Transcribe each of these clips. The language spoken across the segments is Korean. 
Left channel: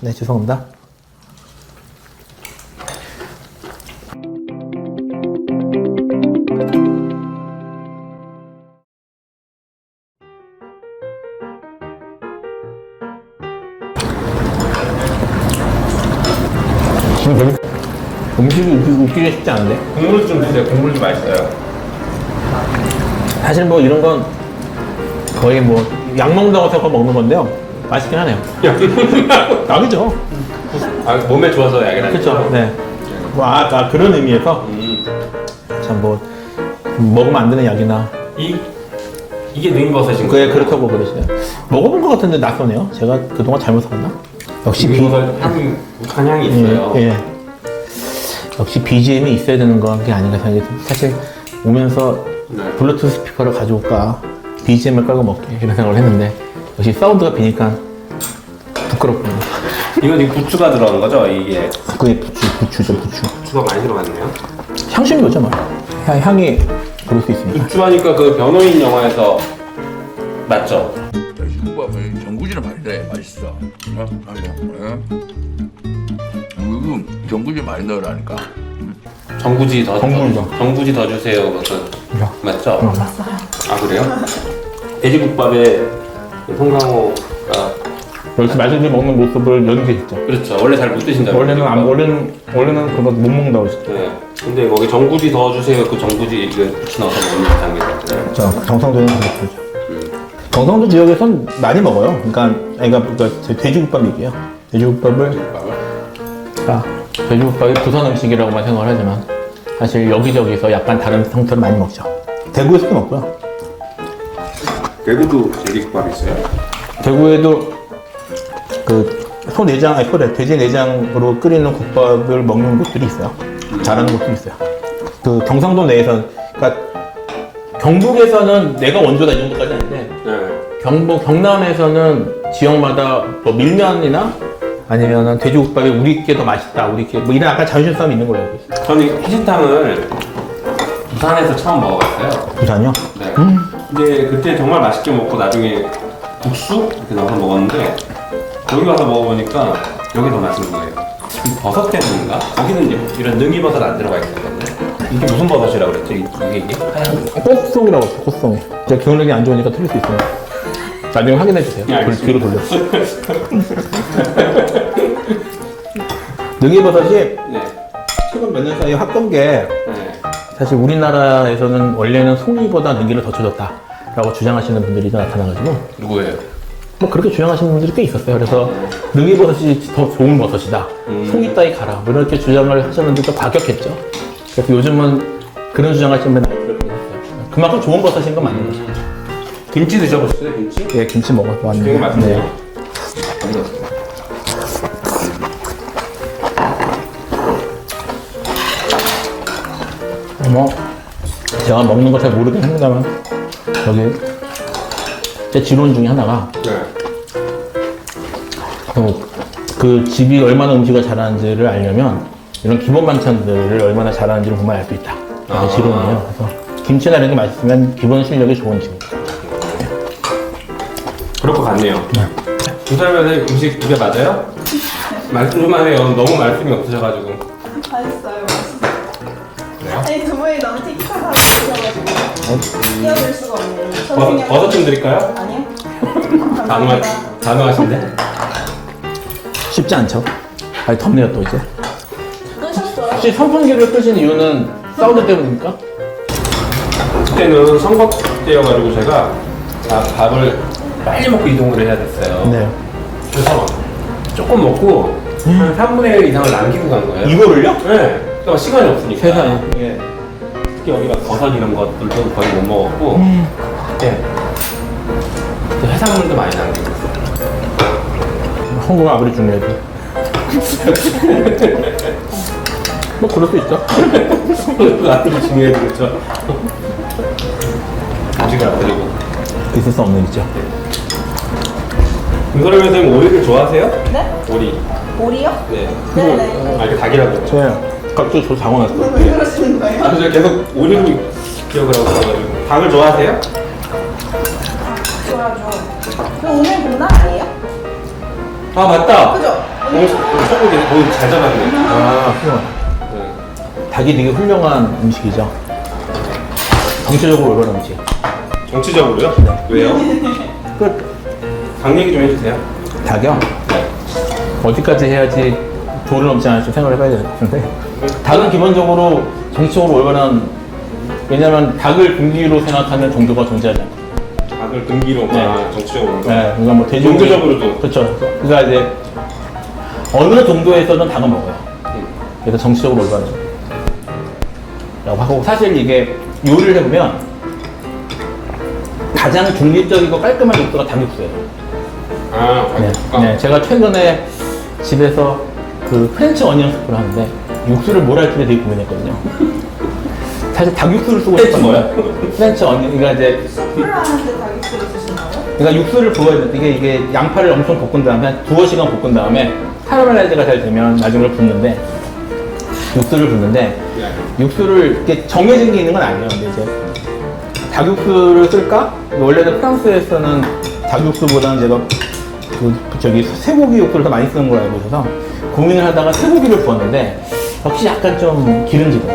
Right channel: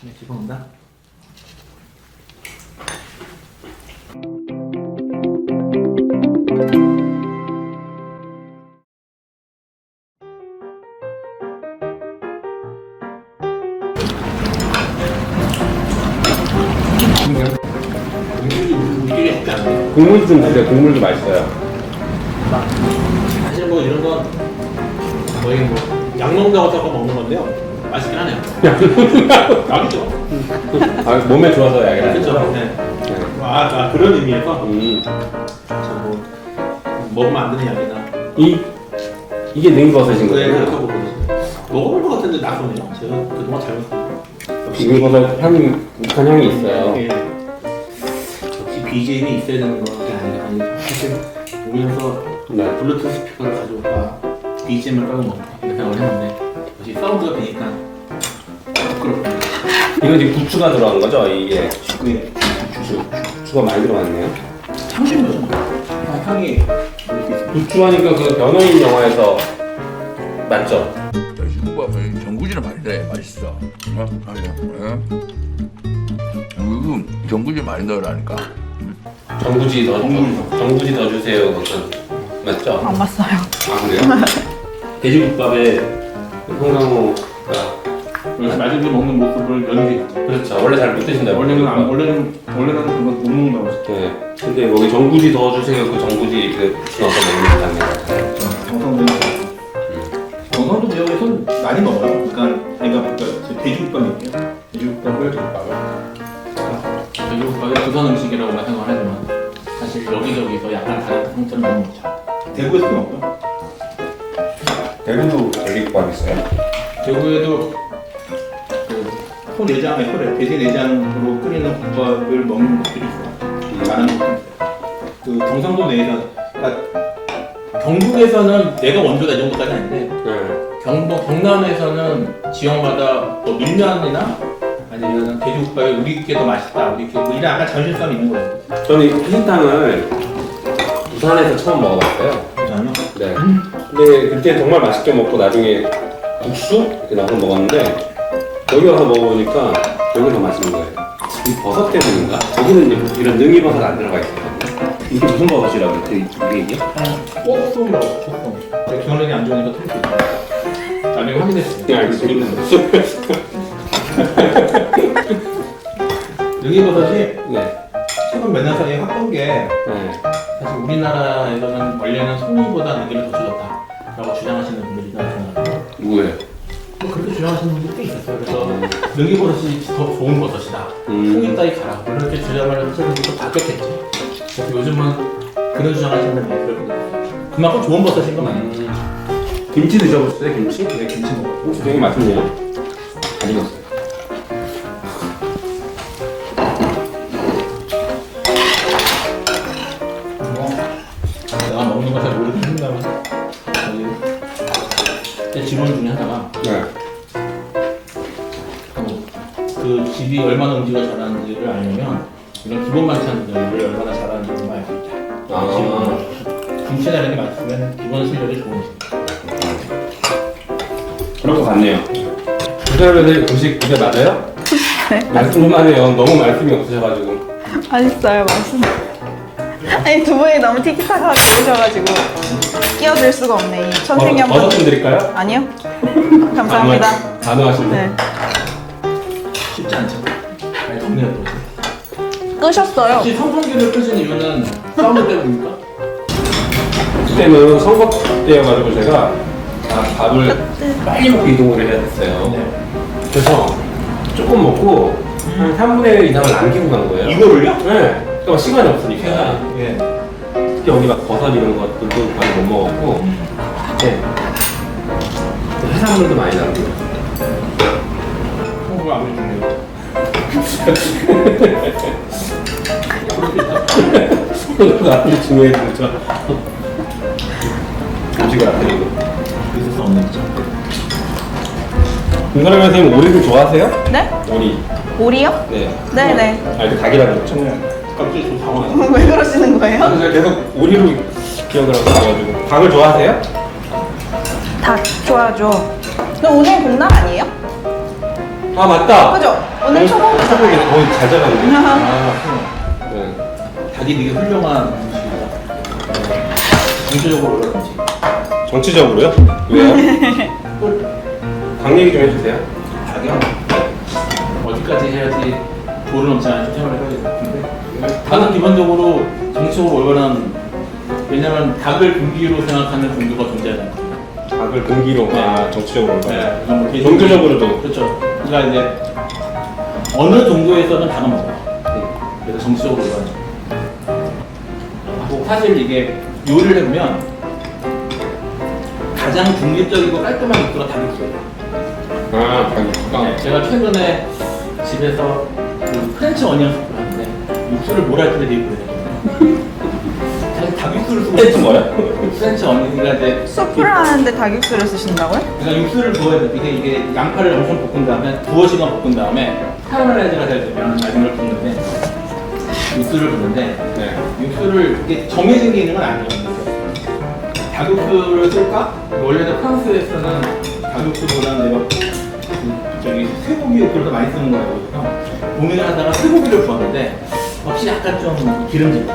네, 죄송합니다. 음식이 웃기기 쉽지 않네. 국물 좀 주세요. 국물도 맛있어요. 사실 뭐 이런 건 거의 뭐 약 먹는다고 생각하고 먹는 건데요. 맛있긴 하네요. 약이죠. 아, 몸에 좋아서 약이라. 그렇죠. 네. 와, 그런 의미에서 참 뭐 먹으면 안 되는 약이나 이게 능이버섯인 그에 거예요? 그렇다고 그러시네요. 먹어본 것 같은데 낯서네요. 제가 그동안 잘못 샀나? 역시 능이버섯 향이 독한 향이 있어요. 예. 역시 BGM이 있어야 되는 게 아닌가 생각이 듭니다. 사실 오면서 네. 블루투스 스피커를 가져올까 BGM을 깔고 먹게 이런 생각을 했는데 역시 사운드가 비니까 부끄럽군요. 이거 지금 부추가 들어간 거죠? 이게 그게 부추죠. 부추가 많이 들어갔네요. 향신이 뭐죠? 향이 그럴 수 있습니다. 부추하니까 그 변호인 영화에서 맞죠? 돼지국밥은 전구지를 많이 넣어야 맛있어. 아니야. 전구지 많이 넣으라니까. 정구지 더 정구지요. 정구지 더 주세요. 그것도 맞죠? 맞아요. 아 그래요? 돼지국밥에 송강호가 이렇게 맛있게 먹는 모습을 연기했죠. 그렇죠. 원래 잘 못 드신다고. 원래는 그거 못 먹는다고 했죠. 네. 근데 거기 정구지 더 주세요. 그 정구지 그 부추 넣어서 먹는 장면. 자, 경상도는 그렇죠. 경상도 지역에선 많이 먹어요. 그러니까 돼지국밥 얘기예요. 돼지국밥이 부산 음식이라고만 생각을 하지만 사실 여기저기서 약간 다른 형태로 많이 먹죠. 대구에서도 먹고요. 대구도 돼지국밥 있어요? 대구에도 돼지 내장으로 끓이는 국밥을 먹는 곳들이 있어요. 잘하는 곳들이 있어요. 그 경상도 내에서, 그러니까 경북에서는 내가 원조다 이 정도까지 아닌데 네. 경남에서는 지역마다 뭐 밀면이나 아니면 돼지국밥이 우리께 더 맛있다, 우리께 뭐 이런 약간 자존심 싸움이 있는 거예요. 저는 피신탕을 부산에서 처음 먹어봤어요. 부산이요? 네. 근데 그때 정말 맛있게 먹고 나중에 국수 이렇게 나와서 먹었는데 여기 와서 먹어보니까 여기 더 맛있는 거예요. 이 버섯 때문인가? 거기는 이런 능이버섯 안 들어가 있었거든요. 이게 무슨 버섯이라고 그랬지? 이게? 꽃송이라고 해요, 꽃송이. 제가 기억력이 안 좋으니까 틀릴 수 있어요. 나중에 확인해 주세요. 네, 알겠습니다. 능이버섯이 네. 최근 몇 년 사이에 핫던 게 네. 사실 우리나라에서는 원래는 송이보다 능이를 더 쳐줬다라고 주장하시는 분들이 나타나가지고 누구예요? 뭐 그렇게 주장하시는 분들이 꽤 있었어요. 그래서 능이버섯이 더 좋은 버섯이다. 송이 따위 가라. 뭐 이렇게 주장을 하셨는데 또 과격했죠. 그래서 요즘은 그런 주장하시는 분들이 많이 들었거든요. 그만큼 좋은 버섯인 건 맞는 거죠. 김치 드셔보셨어요? 김치? 네, 김치 먹어도 되게 맛있네요. 안 익었어요. 뭐 제가 먹는 거 잘 모르긴 합니다만 저기 제 지론 중에 하나가 네. 그 집이 얼마나 음식을 잘하는지를 알려면 이런 기본 반찬들을 얼마나 잘하는지를 보면 알 수 있다. 지론이에요. 그래서 김치나 이런 게 맛있으면 기본 실력이 좋은 음식입니다. 그럴 것 같네요. 두 사람은 음식 두개 맞아요? 네. 말씀하네요. 너무 말씀이 없으셔가지고. 맛있어요, 맛있어요. 아니 두 분이 너무 티키타카하게 해주셔가지고 끼어들 수가 없네 이 천생연분. 버섯 좀 드릴까요? 아니요. 감사합니다. 단호하신데? 네. 쉽지 않죠? 아니 덥네요 또 이제. 끄셨어요. 혹시 선풍기를 끄신 이유는 사우나 때문입니까? 그때는 선거 때여가지고 제가 밥을 빨리 먹고 이동을 해야 됐어요. 네. 그래서 조금 먹고 한 3분의 1 이상을 남기고 간 거예요. 이거를요? 네. 그러니까 시간이 없으니까. 세상에. 예. 특히 여기 막 버섯 이런 것들도 거의 못 먹었고. 네. 그때 해산물도 많이 남기고. 성공을 아무리 중요해도. 뭐 그럴 수 있죠. 아무리 중요해도 그렇죠. 음식을 안 드리고. 있을 수 없는 일이죠. 김가람 선생님 오리를 좋아하세요? 네? 오리. 오리요? 네. 네네. 아, 이렇게 닭이라고 그랬죠? 갑자기 저 당황했어요. 왜 그러시는 거예요? 아, 제가 계속 오리로 기억을 하고 있어가지고. 닭을 좋아하세요? 닭 좋아하죠. 근데 오늘 복날 아니에요? 아 맞다. 그죠? 오늘 초밥. 초복이네. 잘 잡았네. 아, 네. 닭이 되게 훌륭한 음식이죠. 정치적으로 어려운 음식. 정치적으로요? 왜요? 끝. 닭 얘기 좀 해주세요. 닭이요? 네. 어디까지 해야지 도를 넘지 않을지 생각을 해봐야 될 것 같은데. 닭은 기본적으로 정치적으로 올바른, 왜냐면 닭을 금기로 생각하는 종교가 존재하지 않거든요. 닭을 금기로 네. 정치적으로. 네, 그러니까 뭐 종교적으로도. 그렇죠. 그러니까 이제 어느 정도에서는 닭을 먹어요. 그래서 정치적으로 올바르죠. 라고 하고, 사실 이게 요리를 해보면 가장 중립적이고 깔끔한 육수가 닭육수예요. 아, 네, 제가 최근에 집에서 그 프렌치 어니언 스프를 하는데 육수를 뭘 할 때 되게 고민했거든요. 사실 닭육수를 쓰고 프렌치 싶은 뭐야? 프렌치 어니언, 그러니까 이제 수프를 하는데 닭육수를 쓰신다고요? 그러니까 육수를 부어야 돼. 이게 양파를 엄청 볶은 다음에 두어 시간 볶은 다음에 카라멜라이즈가 잘 되면 나중에 붓는데, 육수를 붓는데, 네. 육수를 이렇게 정해진 게 있는 건 아니에요. 근데 이제 닭육수를 쓸까? 원래는 프랑스에서는 닭육수보다는 내가 저기 쇠고기 육수를 더 많이 쓰는 거라고 해서 고민을 하다가 쇠고기를 부었는데 역시 약간 좀 기름지고,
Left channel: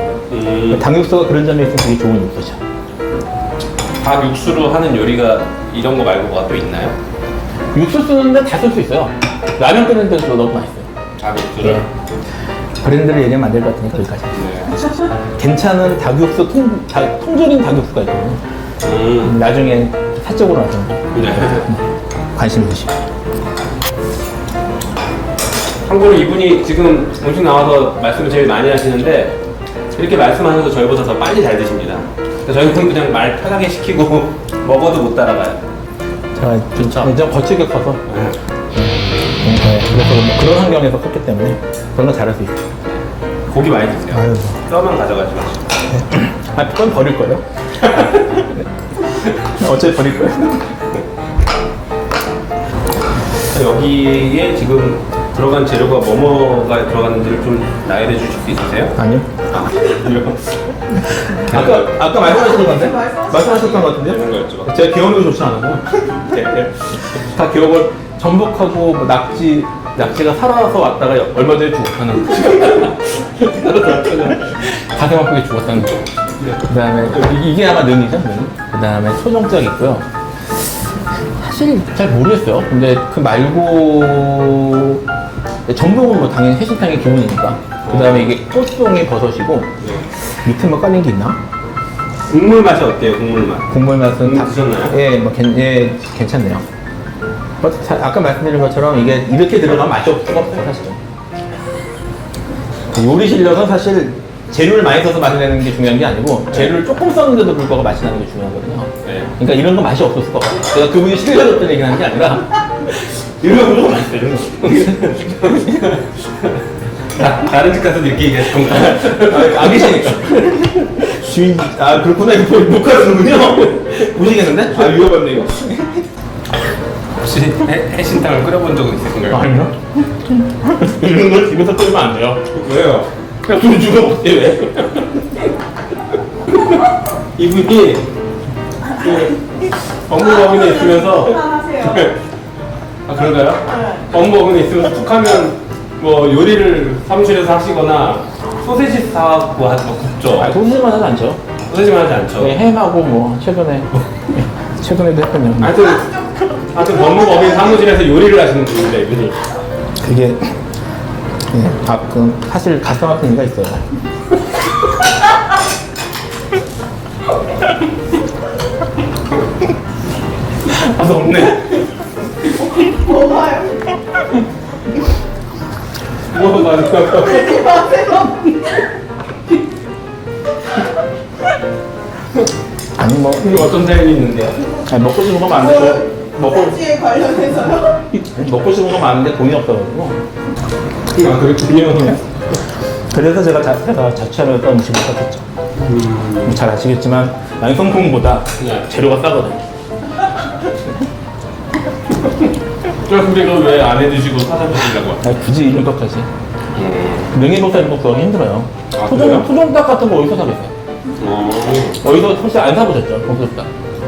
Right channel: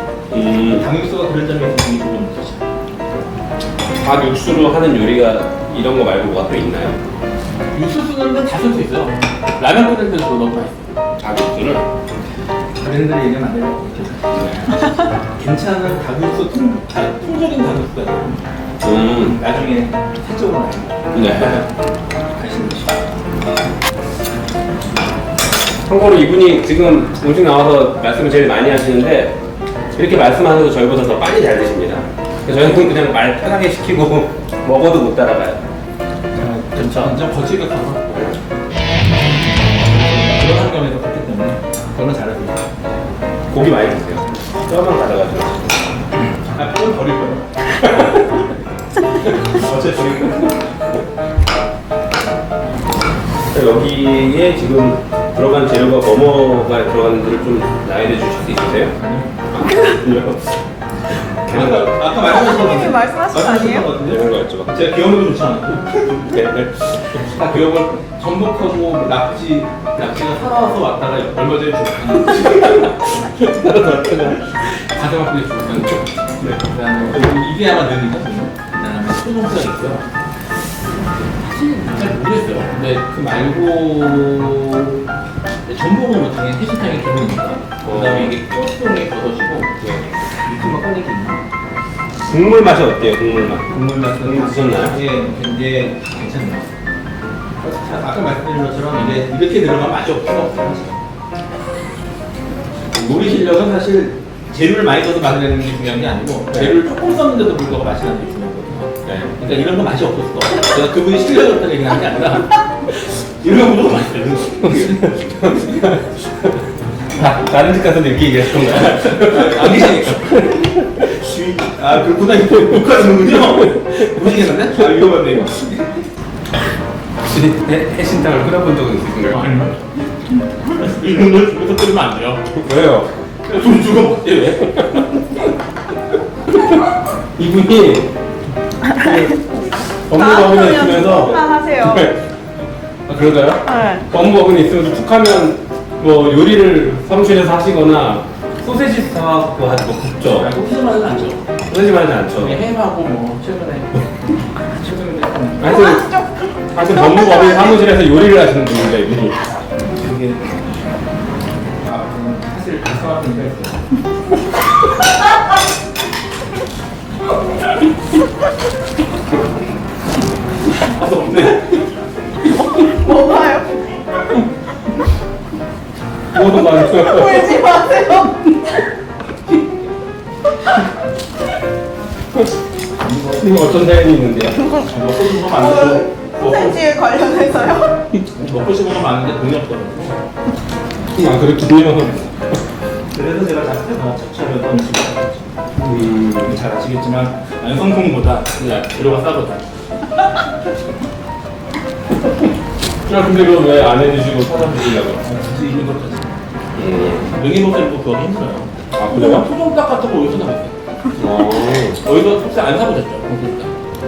닭육수가 그런 점이 있어서 되게 좋은 육수죠. 닭 육수로 하는 요리가 이런 거 말고 뭐가 또 있나요? 육수 쓰는데 다 쓸 수 있어요. 라면 끓는 데도 너무 맛있어요. 닭 육수를? 브랜드를 얘기하면 안 될 것 같으니까 거기까지. 네. 괜찮은 닭육수, 통조림 닭육수가 있거든요. 나중에 사적으로 하죠. 네. 관심 있으시고. 참고로 이분이 지금 음식 나와서 말씀을 제일 많이 하시는데 이렇게 말씀하셔서 저희보다 더 빨리 잘 드십니다. 저희는 그냥 말 편하게 시키고 먹어도 못 따라가요. 진짜 굉장히 거칠게 커서 네. 그런 환경에서 컸기 때문에 그런 거 잘할 수 있어요. 고기 많이 드세요. 뼈만 가져가지고. 아, 그건 버릴 거예요. 어차피 버릴 거예요. 여기에 지금 들어간 재료가 뭐뭐가 들어갔는지를 좀 나열해 주실 수 있으세요? 아니요. 이런 아까 말씀하신 건데? 말씀하신 것 같은데? 이런 거였죠. 제가 기억력이 좋지 않아요. 다 기억을, 전복하고 낙지가 살아서 왔다가 얼마 전에 죽었다는 거. 살아서 왔다가 가슴 아프게 죽었다는 거. 그 다음에 이게 아마 능이죠, 능. 그 다음에 소정장 있고요. 사실 잘 모르겠어요. 근데 그 말고 전복은 뭐 당연히 해신탕의 기본이니까. 그 다음에 이게 꽃송이 버섯이고, 네. 밑에 뭐 까는 게 있나? 국물 맛이 어때요? 국물 맛. 국물 맛은 드셨나요? 예, 뭐 괜찮네요. 아까 말씀드린 것처럼 이게 이렇게 들어가면 맛이 없을 수가 없어요, 사실은. 요리 실력은 사실 재료를 많이 써서 맛이 나는 게 중요한 게 아니고, 재료를 조금 썼는데도 불구하고 맛이 나는 게 중요하거든요. 네. 그러니까 이런 거 맛이 없을 수가 없어요. 제가 그분이 실력 없다는 얘기를 하는 게 아니라 이런 거 무조건 맛있어요. 다른 집 가서 이렇게 얘기하실 건가요? 안 계시니까. 아, 그렇구나. 이거 못 가시는군요. 모르겠는데? 아, 위험한데, 이거. 혹시 해신탕을 끓여본 적은 있으신가요? 아니요. 이런 걸 집에서 끓이면 안 돼요. 왜요? 그냥 돈 주고 먹지, 왜? 이분이 법무법인에 있으면서 그만하세요. 아 그런가요? 네. 법무법인에 있으면서 툭하면 뭐 요리를 사무실에서 하시거나 소세지 사갖고 하고 굽죠. 아, 소시지만 하지 않죠. 소세지만 하지 않죠. 네, 햄하고 뭐, 최근에도 했거든요. 하여튼 법무법인 사무실에서 요리를 하시는 분입니다 이분이. 그게, 가끔, 사실 가끔 아픈 이유가 있어요. 아 없네. 뭐가요? 뭐 나는 울지 마세요. 아니, 뭐, 이거 어떤 사연이 있는데요? 아니, 먹고 싶은 거 많은데, 소세지에 관련해서요? 먹고 싶은 거 많은데 돈이 없어가지고. 아 그렇군요. 그래서 제가 자취하면서 음식을 사줬죠. 잘 아시겠지만, 완성품보다 그냥 재료가 싸거든요. 근데 이거 왜 안 해주시고 사장드시려고? 아, 굳이 이것까지. 능이버섯 먹기 힘들어요. 아, 그래요? 토종닭 같은 거 어디서 사겠어요? 어디서 사실 안 사보셨죠? 공소닭.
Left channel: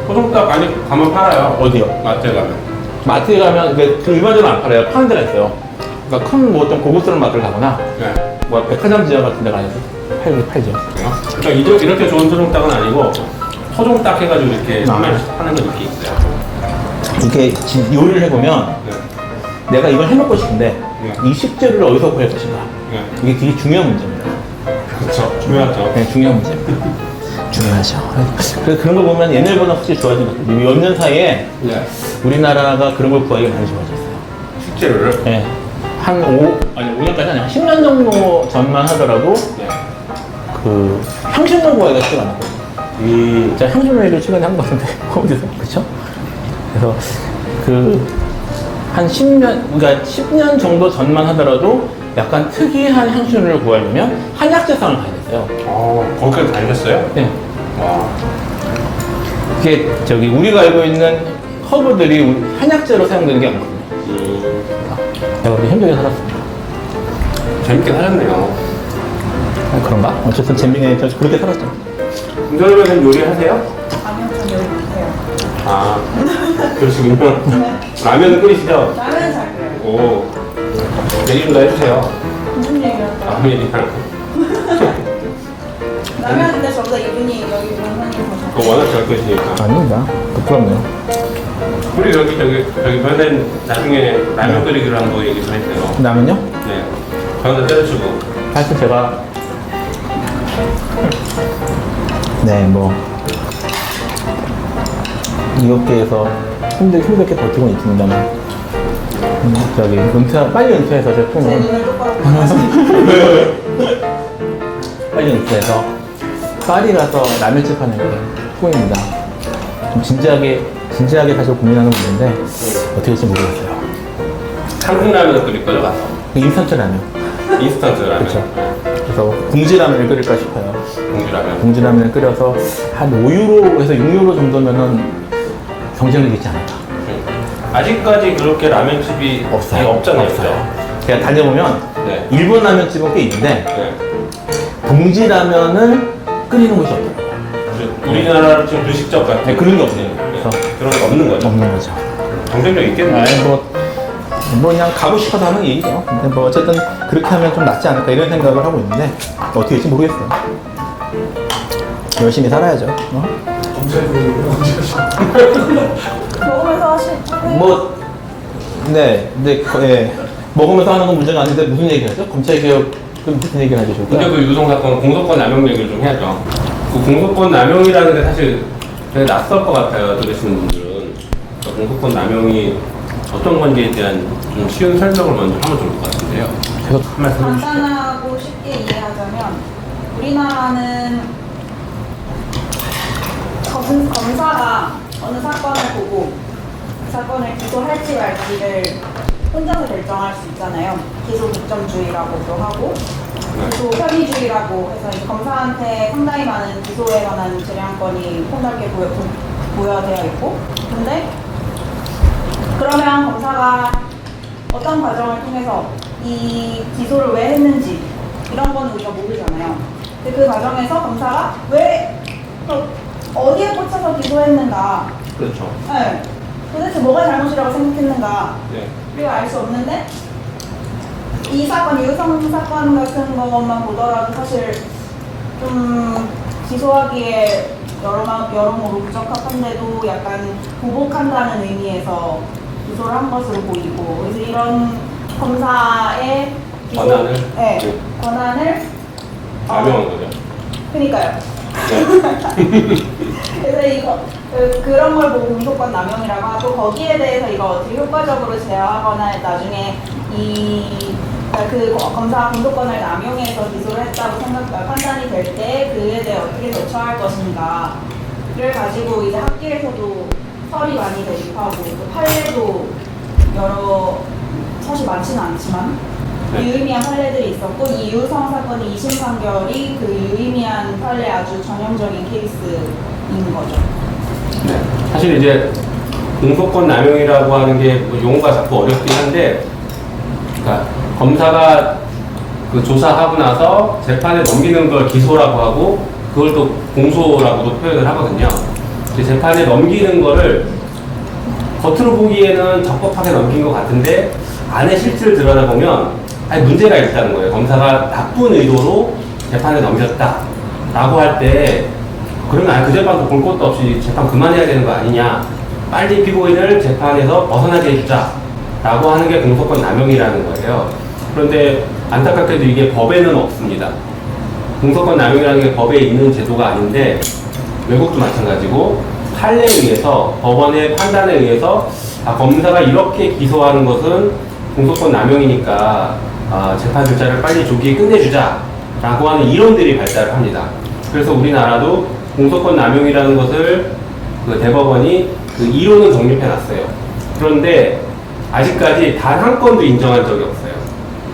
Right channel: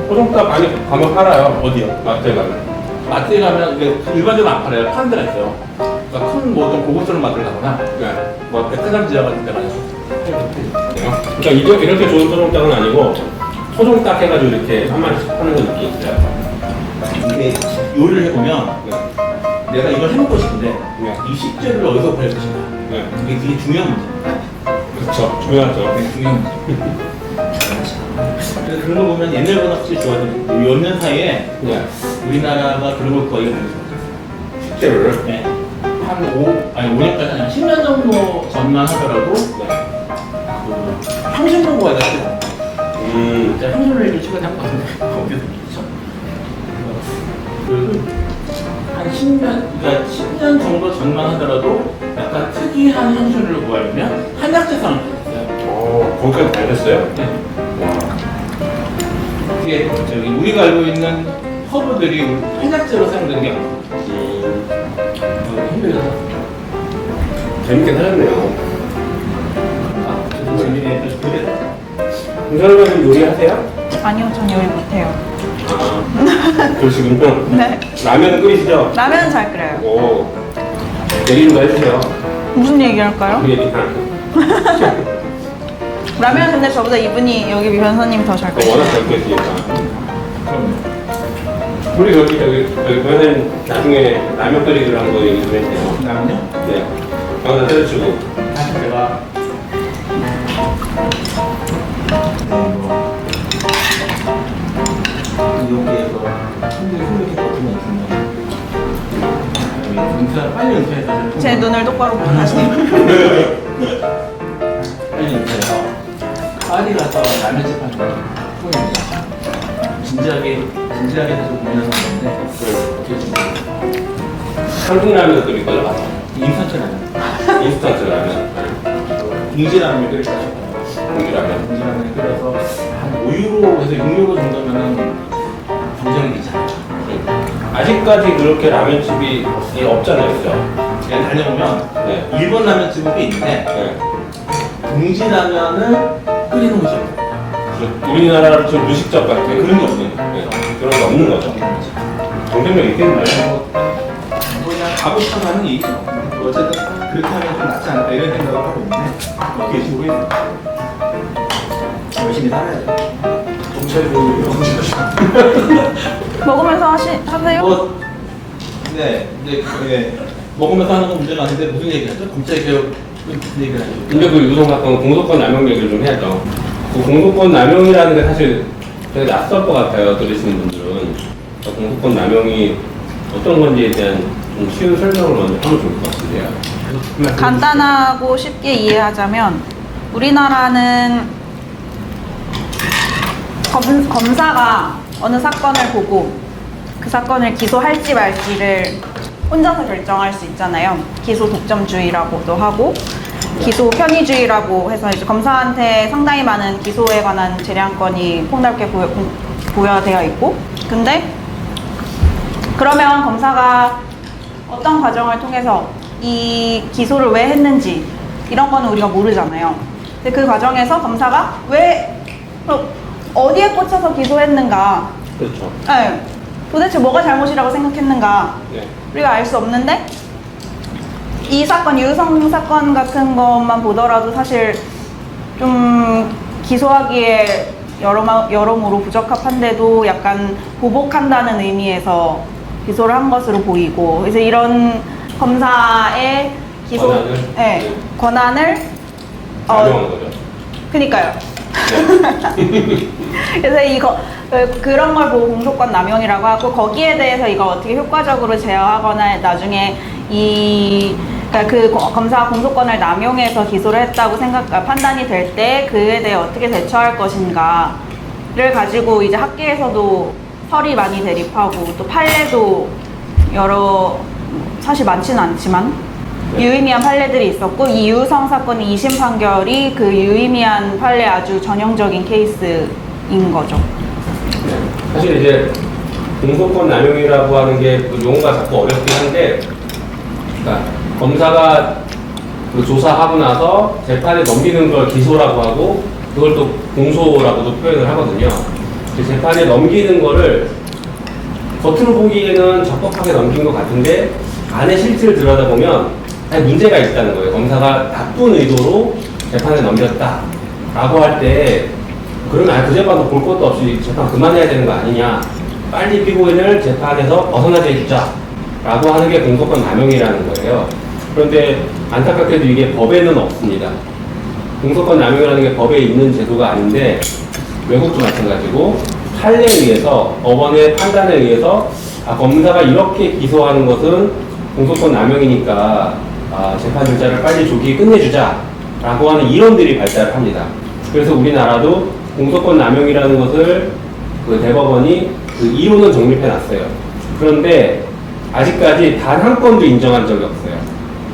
소정닭 아니 가면 팔아요. 어디요? 마트에 가면. 마트에 가면 그 일반적으로 안 팔아요. 파는 데가 있어요. 그러니까 큰 뭐 어떤 고급스러운 마트를 가거나 네. 뭐 백화점 지하 같은 데 가서 팔죠. 그러니까 이렇게 좋은 소정닭은 아니고 소정닭 해가지고 이렇게 한 마리씩 파는 건 느낌이 있어요. 이렇게 지금 요리를 해보면 네. 내가 이걸 해먹고 싶은데 네. 이 식재료를 어디서 구할 것인가 네. 이게 되게 중요한 문제입니다. 그렇죠. 중요하죠. 네, 중요한 문제. 중요하죠. 그래서 그런 거 보면 옛날보다 확실히 좋아지는 몇 년 사이에 네. 우리나라가 그런 걸 구하기가 많이 좋아졌어요. 식재료를. 네. 한 5년까지 아니라 10년 정도 전만 하더라도 네. 그 향신료 구하기가 쉽지 않아요. 제가 향신료를 10년에 한 번 하는데 어디서 그렇죠? 그래서 그 한 10년, 그러니까 10년 정도 전만 하더라도 약간 특이한 향신료를 구하려면 한약재상을 가야 됐어요. 거기까지 잘 됐어요? 네. 와. 그게 저기 우리가 알고 있는 허브들이 한약재로 사용되는 게 아니거든요. 제가 우리 현장에 살았습니다. 재밌게 하셨네요. 그런가? 어쨌든 재미네. 저 그때 살았죠. 김선우 선생님 요리하세요? 아니요, 전 요리 못해요. 아, 그러시군요. 네. 라면은 끓이시죠? 라면은 잘 끓여요. 오. 얘기 좀 해주세요. 무슨 얘기 할까요? 아무 얘기나. 라면 근데 저보다 이분이 여기 변호사님이 더 잘 끓여요. 워낙 잘 끓이시니까. 아닙니다. 부끄럽네요. 우리 여기 변호사님 나중에 라면 끓이기로 한 거 얘기 좀 해주세요. 그다음은요? 네. 변호사 때려치고. 사실 제가 뭐 이 업계에서 힘들게 버티고 있습니다. 저기 빨리 은퇴해서 제 눈을 똑바로 보고 빨리 은퇴해서 파리 가서 라면집 하는 게 꿈입니다. 좀 진지하게 사실 고민하는 건데 어떻게 될지 모르겠어요. 한국 라면 끓일 거죠, 가서? 인스턴트 라면. 인스턴트 라면. 그래서 궁지라면을 끓일까 싶어요. 공주라면. 궁지라면을 끓여서 한 5유로에서 6유로 정도면은 경쟁력이 있지 않을까. 아직까지 그렇게 라면집이 없잖아요, 그죠? 제가 달려보면 네. 일본 라면집은 꽤 있는데 네. 봉지라면을 끓이는 곳이 없어요. 우리나라로 좀 무식적 같아. 그런 게 없네요. 네. 그런 게 없는 거죠. 없는 거죠. 경쟁력 있겠네. 뭐 그냥 가고 싶어서 하는 얘기죠. 근데 뭐 어쨌든 그렇게 하면 좀 낫지 않을까 이런 생각을 하고 있는데 어떻게 될지 모르겠어요. 열심히 살아야죠. 먹으면서 하세요? 뭐 근데 먹으면서 하는 건 문제는 아닌데 무슨 얘기하죠? 검찰개혁 무슨 얘기를 하죠? 근데 그 유동 사건 공소권 남용 얘기를 좀 해야죠. 그 공소권 남용이라는 게 사실 되게 낯설 것 같아요, 들으시는 분들은. 그러니까 공소권 남용이 어떤 건지에 대한 좀 쉬운 설명을 먼저 하면 좋을 것 같아요. 간단하고 쉽게 이해하자면 우리나라는 검사가 어느 사건을 보고 그 사건을 기소할지 말지를 혼자서 결정할 수 있잖아요. 기소 독점주의라고도 하고 기소 편의주의라고 해서 이제 검사한테 상당히 많은 기소에 관한 재량권이 폭넓게 부여되어 있고, 근데 그러면 검사가 어떤 과정을 통해서 이 기소를 왜 했는지 이런 거는 우리가 모르잖아요. 근데 그 과정에서 검사가 왜 어디에 꽂혀서 기소했는가, 그렇죠. 네. 도대체 뭐가 잘못이라고 생각했는가 네. 우리가 알 수 없는데, 이 사건, 유성 사건 같은 것만 보더라도 사실 좀 기소하기에 여러모로 부적합한데도 약간 보복한다는 의미에서 기소를 한 것으로 보이고, 그래서 이런 검사의 기소 권한을? 네, 권한을 남용한 거죠. 그니까요. 네. 그래서 이거 그런 걸 보고 공소권 남용이라고 하고, 거기에 대해서 이걸 어떻게 효과적으로 제어하거나 나중에 그 검사가 공소권을 남용해서 기소를 했다고 판단이 될 때 그에 대해 어떻게 대처할 것인가를 가지고 이제 학계에서도 설이 많이 대립하고, 또 판례도 사실 많지는 않지만 네. 유의미한 판례들이 있었고, 이 유성 사건의 2심 판결이 그 유의미한 판례 아주 전형적인 케이스인 거죠. 네. 사실 이제 공소권 남용이라고 하는 게 용어가 자꾸 어렵긴 한데, 그러니까 검사가 그 조사하고 나서 재판에 넘기는 걸 기소라고 하고, 그걸 또 공소라고도 표현을 하거든요. 재판에 넘기는 거를 겉으로 보기에는 적법하게 넘긴 것 같은데 안에 실체를 들여다보면 아니 문제가 있다는 거예요. 검사가 나쁜 의도로 재판에 넘겼다 라고 할 때 그러면 아예 그 재판도 볼 것도 없이 재판 그만해야 되는 거 아니냐, 빨리 피고인을 재판에서 벗어나게 해주자 라고 하는 게 공소권 남용이라는 거예요. 그런데 안타깝게도 이게 법에는 없습니다. 공소권 남용이라는 게 법에 있는 제도가 아닌데 외국도 마찬가지고 판례에 의해서, 법원의 판단에 의해서 검사가 이렇게 기소하는 것은 공소권 남용이니까 재판 절차를 빨리 조기에 끝내주자 라고 하는 이론들이 발달을 합니다. 그래서 우리나라도 공소권 남용이라는 것을 그 대법원이 그 이론은 정립해 놨어요. 그런데 아직까지 단 한 건도 인정한 적이 없어요.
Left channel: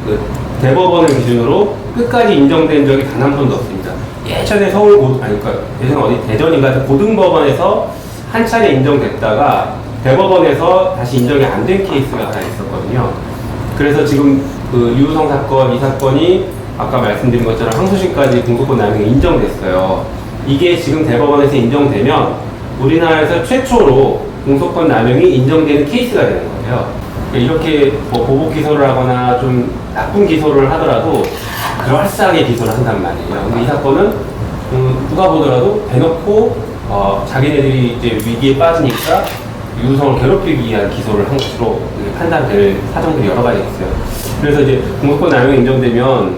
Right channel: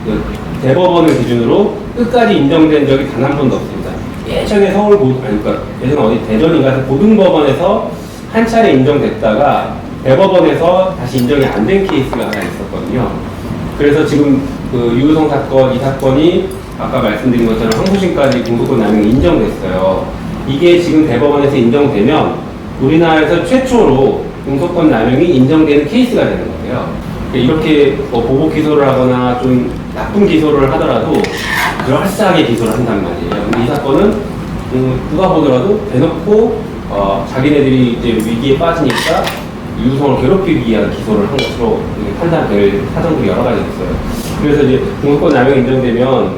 그 대법원을 기준으로 끝까지 인정된 적이 단 한 번도 없습니다. 예전에 예전 어디 대전인가 고등법원에서 한 차례 인정됐다가 대법원에서 다시 인정이 안 된 케이스가 하나 있었거든요. 그래서 지금 그 유우성 사건, 이 사건이 아까 말씀드린 것처럼 항소심까지 공소권 남용이 인정됐어요. 이게 지금 대법원에서 인정되면 우리나라에서 최초로 공소권 남용이 인정되는 케이스가 되는 거예요. 이렇게 보복 기소를 하거나 좀 나쁜 기소를 하더라도 그럴싸하게 기소를 한단 말이에요. 근데 이 사건은 누가 보더라도 대놓고 자기네들이 이제 위기에 빠지니까 유우성을 괴롭히기 위한 기소를 한 것으로 판단될 사정들이 여러 가지 있어요. 그래서 이제 공소권 남용이 인정되면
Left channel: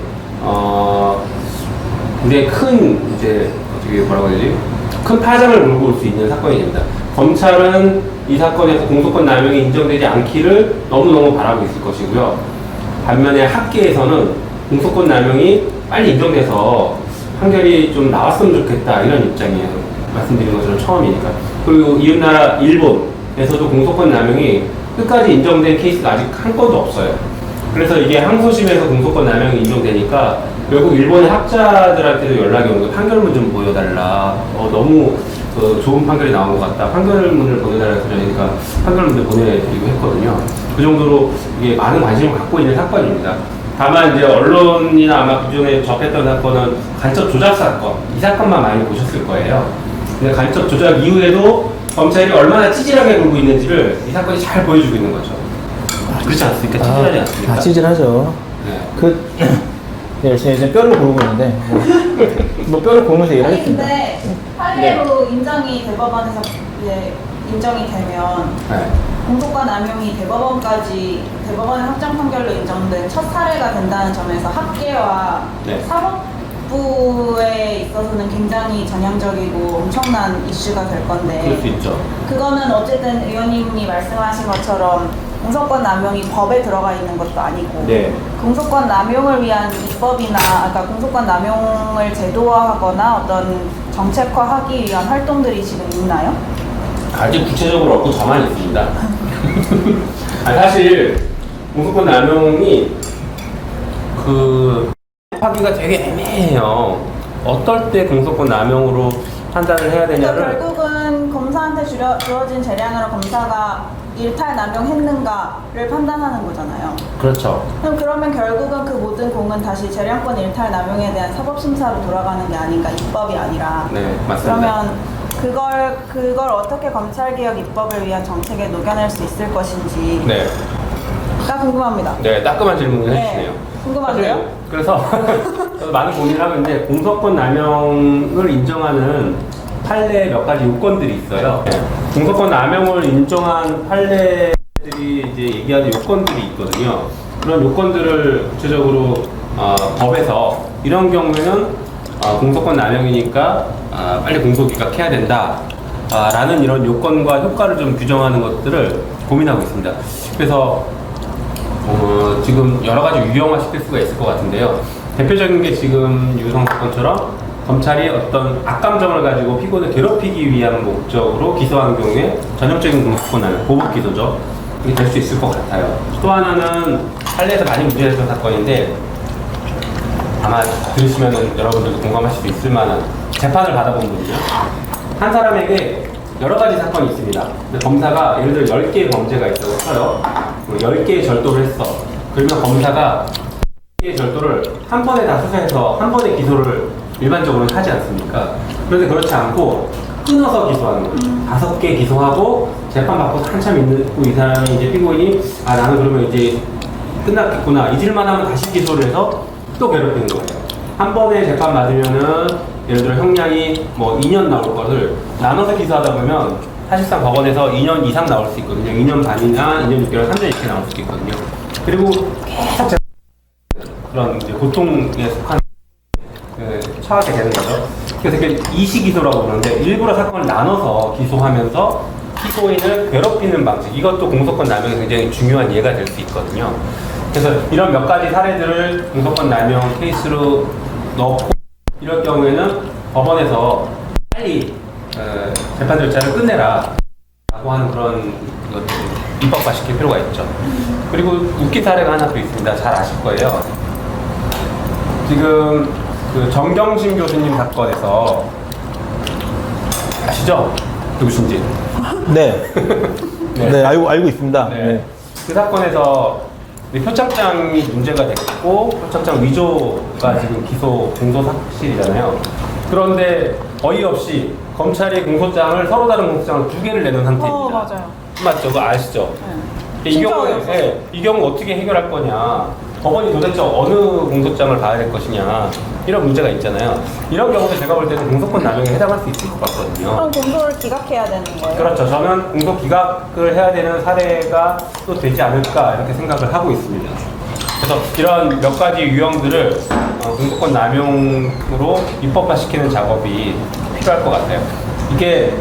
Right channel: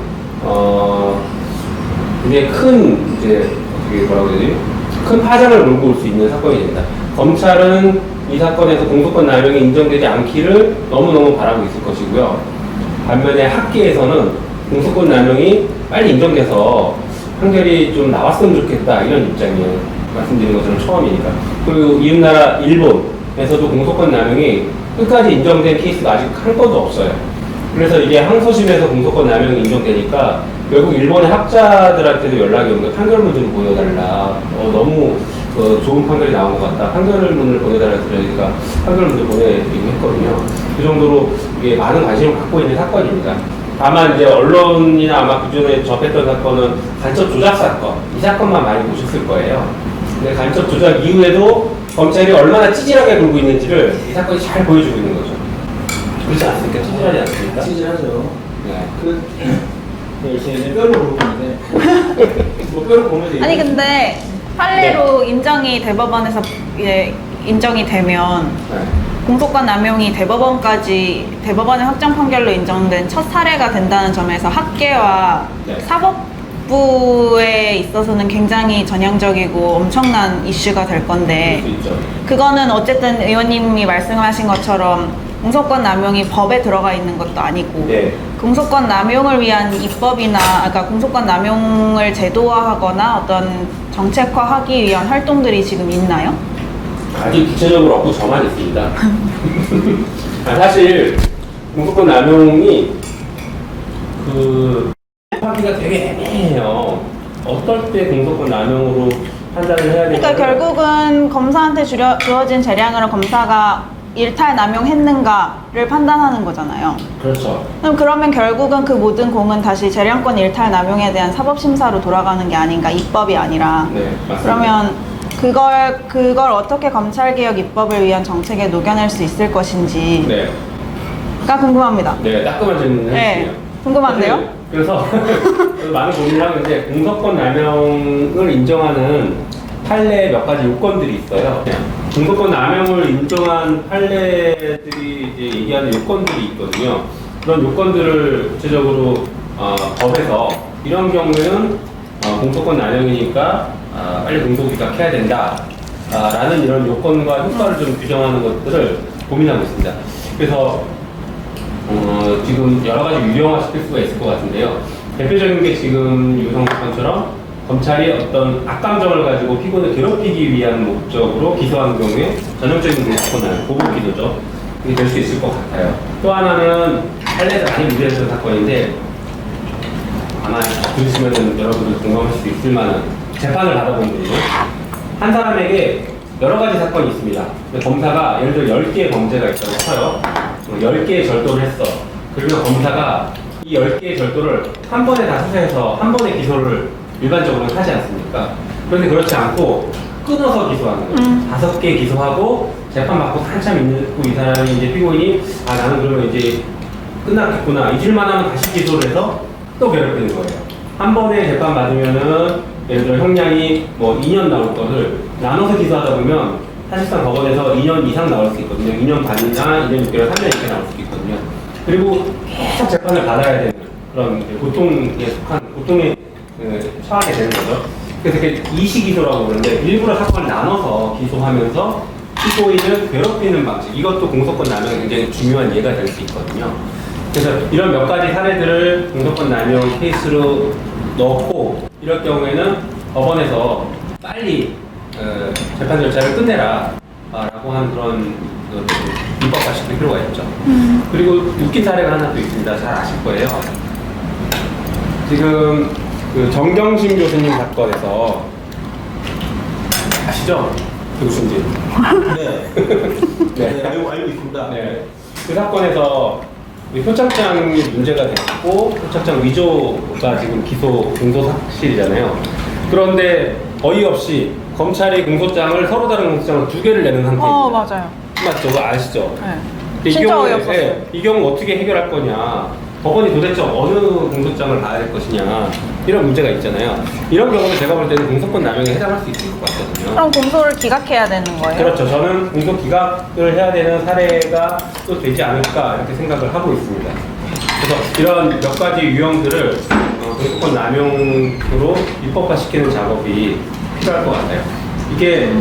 근데 큰 이제 어떻게 뭐라고 해야 되지? 큰 파장을 몰고 올 수 있는 사건이 됩니다. 검찰은 이 사건에서 공소권 남용이 인정되지 않기를 너무너무 바라고 있을 것이고요. 반면에 학계에서는 공소권 남용이 빨리 인정돼서 판결이 좀 나왔으면 좋겠다 이런 입장이에요. 말씀드린 것처럼 처음이니까. 그리고 이웃나라 일본에서도 공소권 남용이 끝까지 인정된 케이스가 아직 한 건도 없어요. 그래서 이게 항소심에서 공소권 남용이 인정되니까 외국 일본의 학자들한테도 연락이 오는 거예요. 판결문 좀 보여달라. 너무 좋은 판결이 나온 것 같다. 판결문을 보내달라고 그러니까 판결문을 보내드리고 했거든요. 그 정도로 이게 많은 관심을 갖고 있는 사건입니다. 다만 이제 언론이나 아마 그전에 접했던 사건은 간첩 조작 사건, 이 사건만 많이 보셨을 거예요. 근데 간첩 조작 이후에도 검찰이 얼마나 찌질하게 굴고 있는지를 이 사건이 잘 보여주고 있는 거죠. 그렇지 않습니까? 찌질하지 않습니까? 찌질하죠. 네. 네, 제가 뼈를 고르고 있는데 뭐 뼈를 고르면서 아니 근데 판례로 인정이 대법원에서 이제 인정이 되면 네. 공소권 남용이 대법원의 확정 판결로 인정된 첫 사례가 된다는 점에서 학계와 네. 사법부에 있어서는 굉장히 전향적이고 엄청난 이슈가 될 그럴 건데 수 있죠. 그거는 어쨌든 의원님이 말씀하신 것처럼 공소권 남용이 법에 들어가 있는 것도 아니고 네. 공소권 남용을 위한 입법이나 그러니까 공소권 남용을 제도화하거나 어떤 정책화하기 위한 활동들이 지금 있나요? 아주 구체적으로 없고 저만 있습니다. 사실 공소권 남용이 하기가 되게 애매해요. 어떨 때 공소권 남용으로 판단을 해야 되냐. 그러니까 결국은 검사한테 주어진 재량으로 검사가 일탈 남용했는가를 판단하는 거잖아요. 그렇죠. 그러면 결국은 그 모든 공은 다시 재량권 일탈 남용에 대한 사법심사로 돌아가는 게 아닌가, 입법이 아니라. 네, 맞습니다. 그러면 그걸 어떻게 검찰개혁 입법을 위한 정책에 녹여낼 수 있을 것인지가 네. 궁금합니다. 네, 따끔한 질문을 네, 해주세요. 궁금한데요? 그래서 많은 고민을 하고 있는데 공소권 남용을 인정하는 판례에 몇 가지 요건들이 있어요. 네. 공소권 남용을 인정한 판례들이 이제 얘기하는 요건들이 있거든요. 그런 요건들을 구체적으로 법에서 이런 경우에는 공소권 남용이니까 빨리 공소기각해야 된다 라는 이런 요건과 효과를 좀 규정하는 것들을 고민하고 있습니다. 그래서 지금 여러 가지 유형화시킬 수가 있을 것 같은데요. 대표적인 게 지금 유성 사건처럼 검찰이 어떤 악감정을 가지고 피고를 괴롭히기 위한 목적으로 기소한 경우에 전형적인 공소권 남용, 보복 기소죠. 이게 될 수 있을 것 같아요. 또 하나는 판례에서 많이 문제됐던 사건인데 아마 들으시면 여러분들 공감하실 수 있을 만한 재판을 받아본 분들 한 사람에게 여러 가지 사건이 있습니다. 검사가 예를 들어 10개의 범죄가 있다고 쳐요. 10개의 절도를 했어. 그러면 검사가 이 10개의 절도를 한 번에 다 수사해서 한 번에 기소를 일반적으로 하지 않습니까? 그런데 그렇지 않고 끊어서 기소하는 거예요. 5개 기소하고 재판 받고 한참 있고 이 사람이 이제 피고인이 아 나는 그러면 이제 끝났겠구나 잊을만 하면 다시 기소를 해서 또 괴롭히는 거예요. 한 번에 재판 받으면은 예를 들어 형량이 뭐 2년 나올 것을 나눠서 기소하다 보면 사실상 법원에서 2년 이상 나올 수 있거든요. 2년 반이나 2년 6개월, 3년 이렇게 나올 수 있거든요. 그리고 계속 재판을 받아야 되는 그런 이제 고통에 속한 고통에 처하게 되는 거죠. 그래서 이게 이시기소라고 그러는데 일부러 사건을 나눠서 기소하면서 피고인을 괴롭히는 방식, 이것도 공소권 남용에 굉장히 중요한 예가 될 수 있거든요. 그래서 이런 몇 가지 사례들을 공소권 남용 케이스로 넣고 이럴 경우에는 법원에서 빨리 재판 절차를 끝내라 라고 하는 그런 입법화시킬 필요가 있죠. 그리고 웃긴 사례가 하나 또 있습니다. 잘 아실 거예요. 지금 그 정경심 교수님 사건에서 아시죠? 교수님. 네. 네. 네, 알고 있습니다. 네. 그 사건에서 표창장이 문제가 됐고 표창장 위조가 지금 기소 공소 사실이잖아요. 그런데 어이없이 검찰이 공소장을 서로 다른 공소장을 2개를 내는 상태입니다. 맞아요. 맞죠? 그거 아시죠? 네. 이 진짜 경우 어이없었어요. 이 경우 어떻게 해결할 거냐? 법원이 도대체 어느 공소장을 봐야 될 것이냐? 이런 문제가 있잖아요. 이런 경우도 제가 볼 때는 공소권 남용에 해당할 수 있을 것 같거든요. 그럼 공소를 기각해야 되는 거예요? 그렇죠. 저는 공소 기각을 해야 되는 사례가 또 되지 않을까 이렇게 생각을 하고 있습니다. 그래서 이런 몇 가지 유형들을 공소권 남용으로 입법화시키는 작업이 필요할 것 같아요. 이게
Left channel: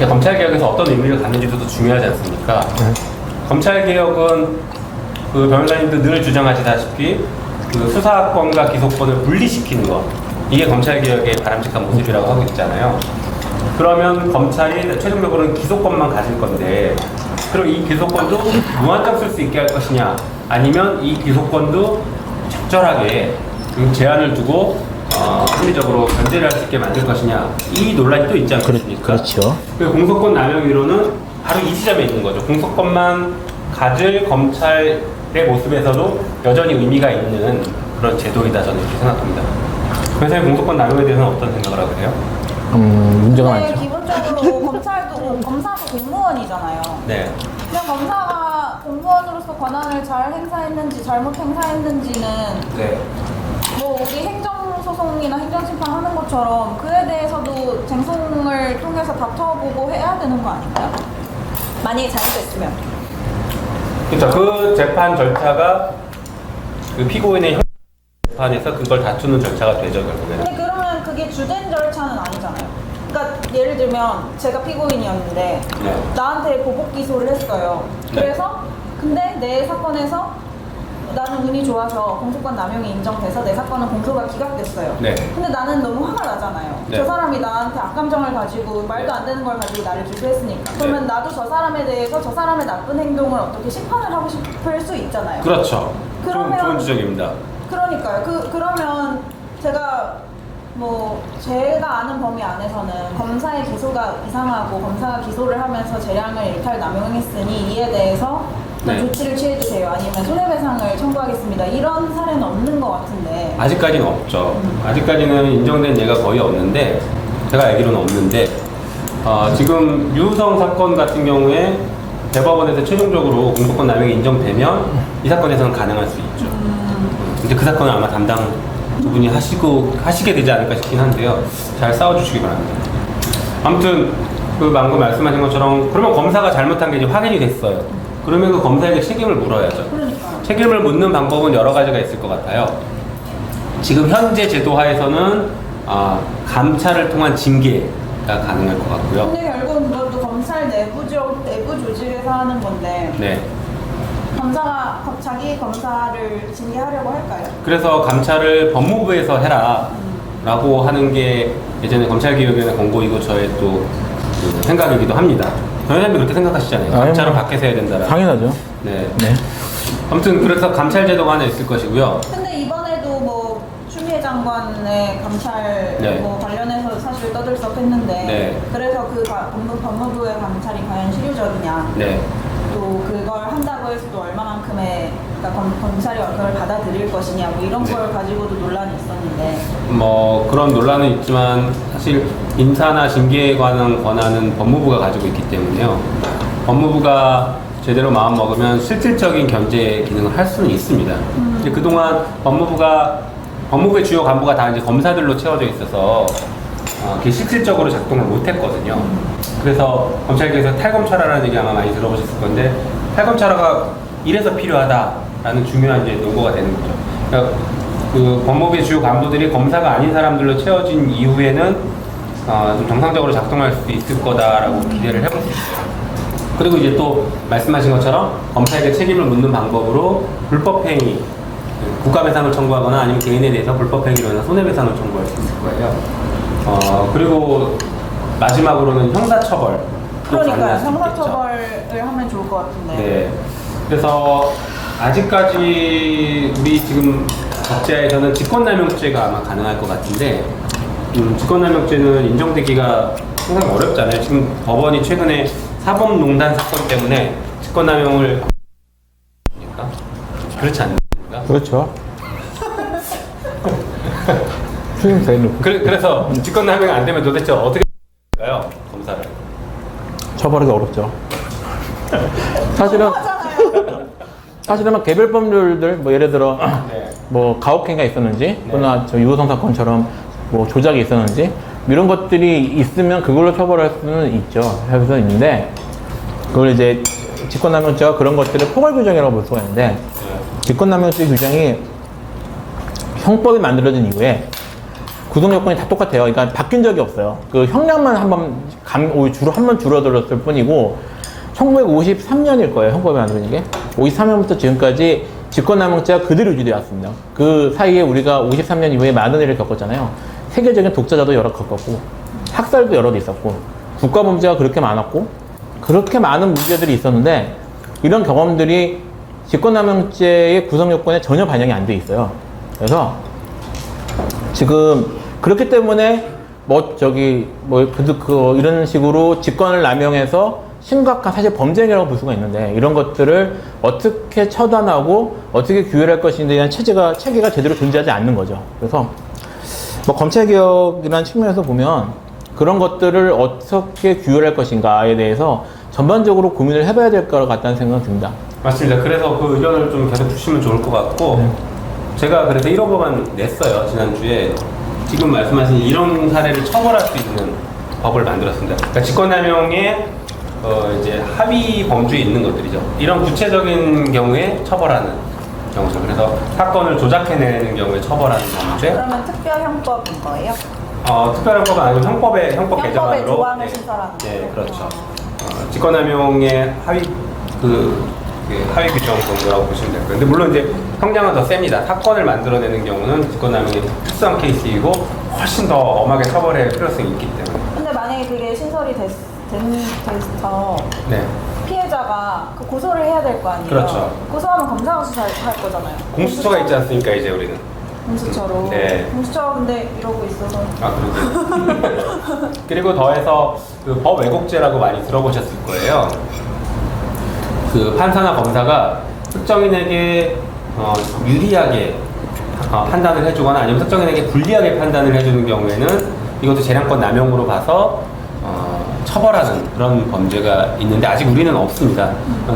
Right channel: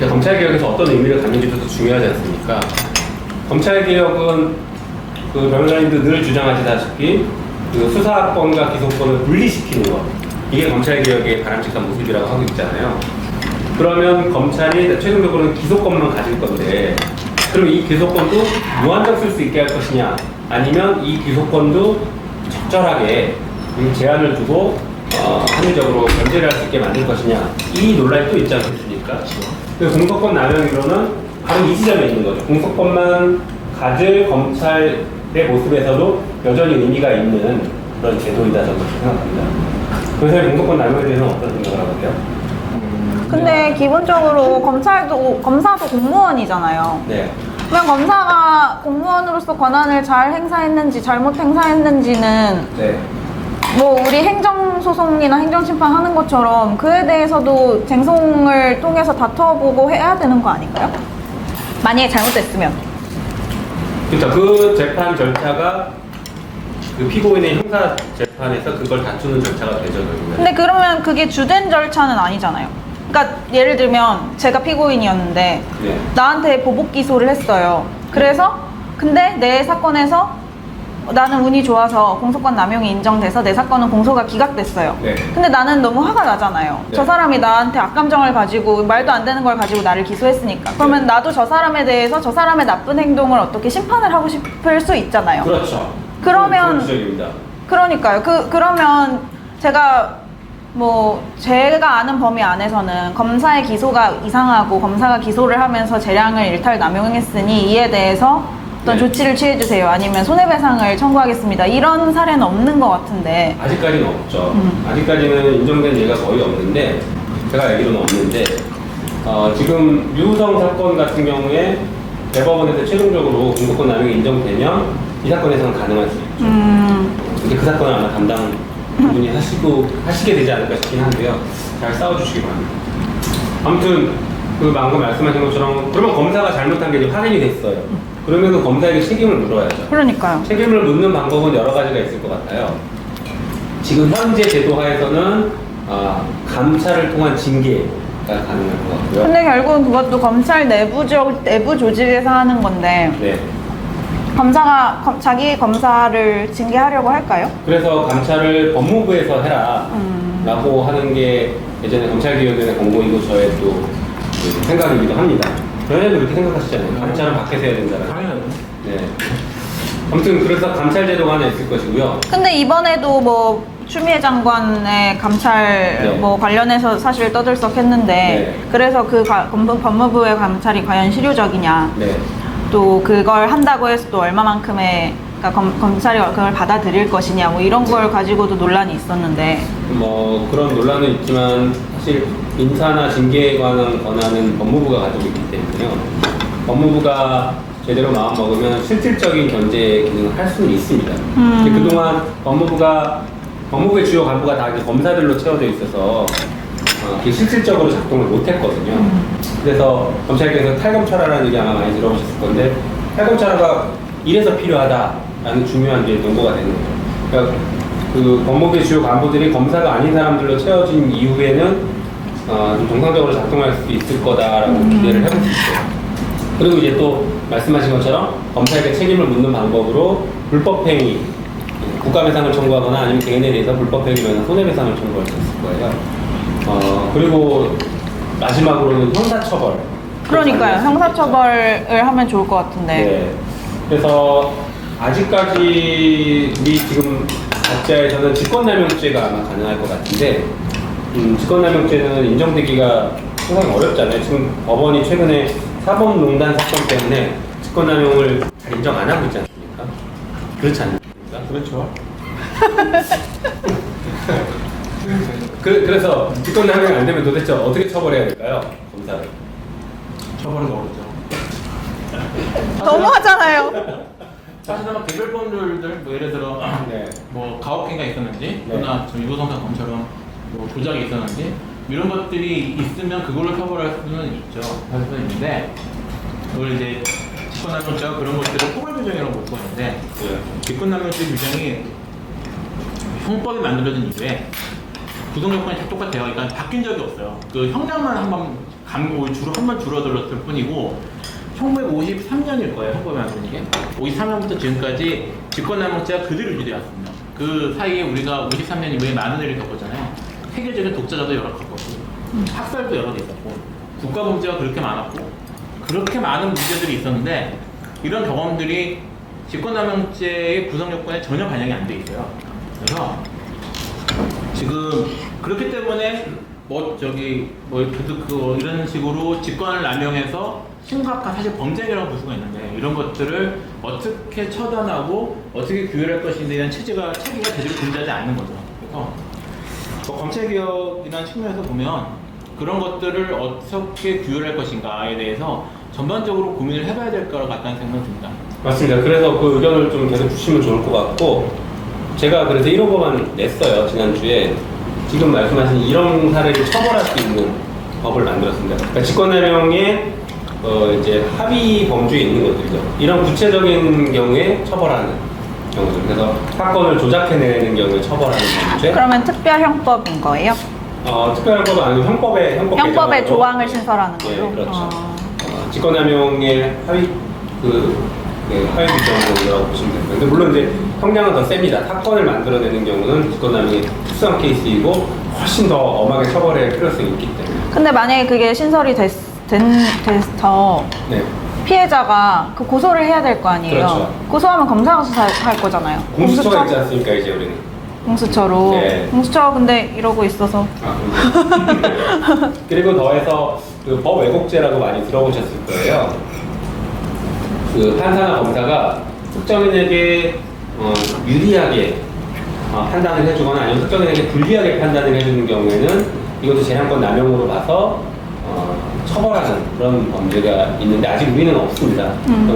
검찰개혁에서 어떤 의미를 갖는지도 중요하지 않습니까? 검찰개혁은 그 변호사님도 늘 주장하시다시피 그 수사권과 기소권을 분리시키는 것, 이게 검찰개혁의 바람직한 모습이라고 하고 있잖아요. 그러면 검찰이 최종적으로는 기소권만 가질 건데 그럼 이 기소권도 무한정 쓸 수 있게 할 것이냐, 아니면 이 기소권도 적절하게 제한을 두고 합리적으로 견제를 할 수 있게 만들 것이냐, 이 논란이 또 있지 않습니까? 그렇죠. 그래서 공소권 남용이론은 바로 이 지점에 있는 거죠. 공소권만 가질 검찰의 모습에서도 여전히 의미가 있는 그런 제도이다, 저는 그렇게 생각합니다. 그래서 공소권 남용에 대해서는 어떤 생각을 하세요? 근데 기본적으로 검사도 공무원이잖아요. 네. 그냥 검사가 공무원으로서 권한을 잘 행사했는지 잘못 행사했는지는 네. 뭐 우리 행정소송이나 행정심판 하는 것처럼 그에 대해서도 쟁송을 통해서 다퉈보고 해야 되는 거 아닌가요? 만약에 잘못됐으면. 그러니까 그 재판 절차가 그 피고인의 형사 재판에서 그걸 다투는 절차가 되죠, 결국은. 근데 그러면 그게 주된 절차는 아니잖아요. 그러니까 예를 들면 제가 피고인이었는데 네. 나한테 보복 기소를 했어요. 그래서 근데 내 사건에서 나는 운이 좋아서 공소권 남용이 인정돼서 내 사건은 공소가 기각됐어요. 네. 근데 나는 너무 화가 나잖아요. 네. 저 사람이 나한테 악감정을 가지고 말도 안 되는 걸 가지고 나를 기소했으니까. 그러면 나도 저 사람에 대해서 저 사람의 나쁜 행동을 어떻게 심판을 하고 싶을 수 있잖아요. 그렇죠. 그러면- 그런 지적입니다. 그러니까요. 그러면 제가 제가 아는 범위 안에서는 검사의 기소가 이상하고 검사가 기소를 하면서 재량을 일탈 남용했으니 이에 대해서 어떤 네. 조치를 취해주세요. 아니면 손해배상을 청구하겠습니다. 이런 사례는 없는 것 같은데. 아직까지는 없죠. 아직까지는 인정된 예가 거의 없는데, 제가 알기로는 없는데, 지금 유우성 사건 같은 경우에 대법원에서 최종적으로 공소권 남용이 인정되면 이 사건에서는 가능할 수 있죠. 근데 그 사건은 아마 담당 분이 하시게 되지 않을까 싶긴 한데요. 잘 싸워주시기 바랍니다. 아무튼 그 방금 말씀하신 것처럼 그러면 검사가 잘못한 게 이제 확인이 됐어요. 그러면 그 검사에게 책임을 물어야죠. 그러니까요. 책임을 묻는 방법은 여러 가지가 있을 것 같아요. 지금 현재 제도 하에서는 감찰을 통한 징계가 가능할 것 같고요. 근데 결국은 그것도 검찰 내부 조직에서 하는 건데 네. 검사가 자기 검사를 징계하려고 할까요? 그래서 감찰을 법무부에서 해라 라고 하는 게 예전에 검찰개혁위원회 공고이고 저의 또 생각이기도 합니다. 변호사님도 그렇게 생각하시잖아요. 감찰은 밖에서 해야 된다. 당연하죠. 네. 아무튼 그래서 감찰 제도가 하나 있을 것이고요. 근데 이번에도 추미애 장관의 감찰 네. 관련해서 사실 떠들썩했는데 네. 그래서 그 법무부의 감찰이 과연 실효적이냐, 네. 또 그걸 한다고 해서 또 얼마만큼의 그러니까 검찰이 그걸 받아들일 것이냐 이런 걸 가지고도 논란이 있었는데 그런 논란은 있지만 사실 인사나 징계에 관한 권한은 법무부가 가지고 있기 때문에요. 법무부가 제대로 마음 먹으면 실질적인 견제 기능을 할 수는 있습니다. 근데 그동안 법무부의 주요 간부가 다 이제 검사들로 채워져 있어서 그게 실질적으로 작동을 못했거든요. 그래서 검찰계에서 탈검찰화라는 얘기 아마 많이 들어보셨을 건데 탈검찰화가 이래서 필요하다라는 중요한 이제 용어가 되는 거죠. 그러니까 그 법무부의 주요 간부들이 검사가 아닌 사람들로 채워진 이후에는 좀 정상적으로 작동할 수 있을 거다라고 기대를 해볼 수 있어요. 그리고 이제 또 말씀하신 것처럼 검사에게 책임을 묻는 방법으로 불법행위, 국가배상을 청구하거나 아니면 개인에 대해서 불법행위면 손해배상을 청구할 수 있을 거예요. 그리고 마지막으로는 형사처벌. 그러니까요. 형사처벌을 하면 좋을 것 같은데. 네. 그래서 아직까지 우리 지금 법제에서는 직권남용죄가 아마 가능할 것 같은데 직권남용죄는 인정되기가 상당히 어렵잖아요. 지금 법원이 최근에 사법농단 사건 때문에 직권남용을 잘 인정 안 하고 있지 않습니까? 그렇지 않습니까? 그렇죠. 그래서 직권남용이 안 되면 도대체 어떻게 처벌해야 될까요? 검사를. 처벌하기 어렵죠. 너무하잖아요. 사실은 막 개별 법률들 뭐 예를 들어 네. 뭐 가혹행위가 있었는지 또는 저 유호성 사건처럼 뭐 조작이 있었는지 이런 것들이 있으면 그걸로 처벌할 수는 있죠. 할 수는 있는데 그걸 이제 직권남용죄가 그런 것들을 포괄 규정이라고 볼 수가 있는데 네. 직권남용죄 규정이 형법이 만들어진 이후에 구성 요건이 다 똑같아요. 그러니까 바뀐 적이 없어요. 그 형량만 한 번 줄어들었을 뿐이고 1953년일 거예요. 형법이 만드는 게 53년부터 지금까지 직권남용죄가 그대로 유지되어 왔습니다. 그 사이에 우리가 53년 이후에 많은 일을 겪었잖아요. 세계적인 독재자도 여러 겪었고 학살도 여러 개 있었고 국가범죄가 그렇게 많았고 그렇게 많은 문제들이 있었는데 이런 경험들이 직권남용죄의 구성 요건에 전혀 반영이 안 돼 있어요. 그래서 지금 그렇기 때문에 이런 식으로 직권을 남용해서 심각한 사실 범죄행위라고 볼 수가 있는데 이런 것들을 어떻게 처단하고 어떻게 규율할 것인지에 대한 체계가 제대로 존재하지 않는 거죠. 그래서 뭐 검찰개혁이라는 측면에서 보면 그런 것들을 어떻게 규율할 것인가에 대해서 전반적으로 고민을 해봐야 될 것 같다는 생각이 듭니다. 맞습니다. 그래서 그 의견을 좀 계속 주시면 좋을 것 같고 제가 그래서 1호법안 냈어요. 지난주에. 지금 말씀하신 이런 사례를 처벌할 수 있는 법을 만들었습니다. 그러니까 직권남용에 이제 합의 범주에 있는 것들이죠. 이런 구체적인 경우에 처벌하는 경우죠. 그래서 사건을 조작해내는 경우에 처벌하는 범죄. 그러면 특별형법인 거예요? 특별형법은 아니고 형법 형법의 조항을 신설하는 거죠? 네, 그렇죠. 직권남용의 합의 규정이라고 보시면 되고요. 근데 물론 이제 형량은 더 셉니다. 사건을 만들어내는 경우는 직권남용이 특수한 케이스이고 훨씬 더 엄하게 처벌할 필요성이 있기 때문에. 근데 만약에 그게 신설이 돼서 네. 피해자가 그 고소를 해야 될 거 아니에요? 그렇죠. 고소하면 검사가 수사할 거잖아요. 공수처가 있지 않습니까, 이제 우리는. 공수처로. 네. 공수처가 근데 이러고 있어서. 그런데. 그리고 더해서 그 법 왜곡죄라고 많이 들어보셨을 거예요. 그 판사나 검사가 특정인에게 유리하게 판단을 해주거나 아니면 특정인에게 불리하게 판단을 해주는 경우에는 이것도 재량권 남용으로 봐서 처벌하는 그런 범죄가 있는데 아직 우리는 없습니다.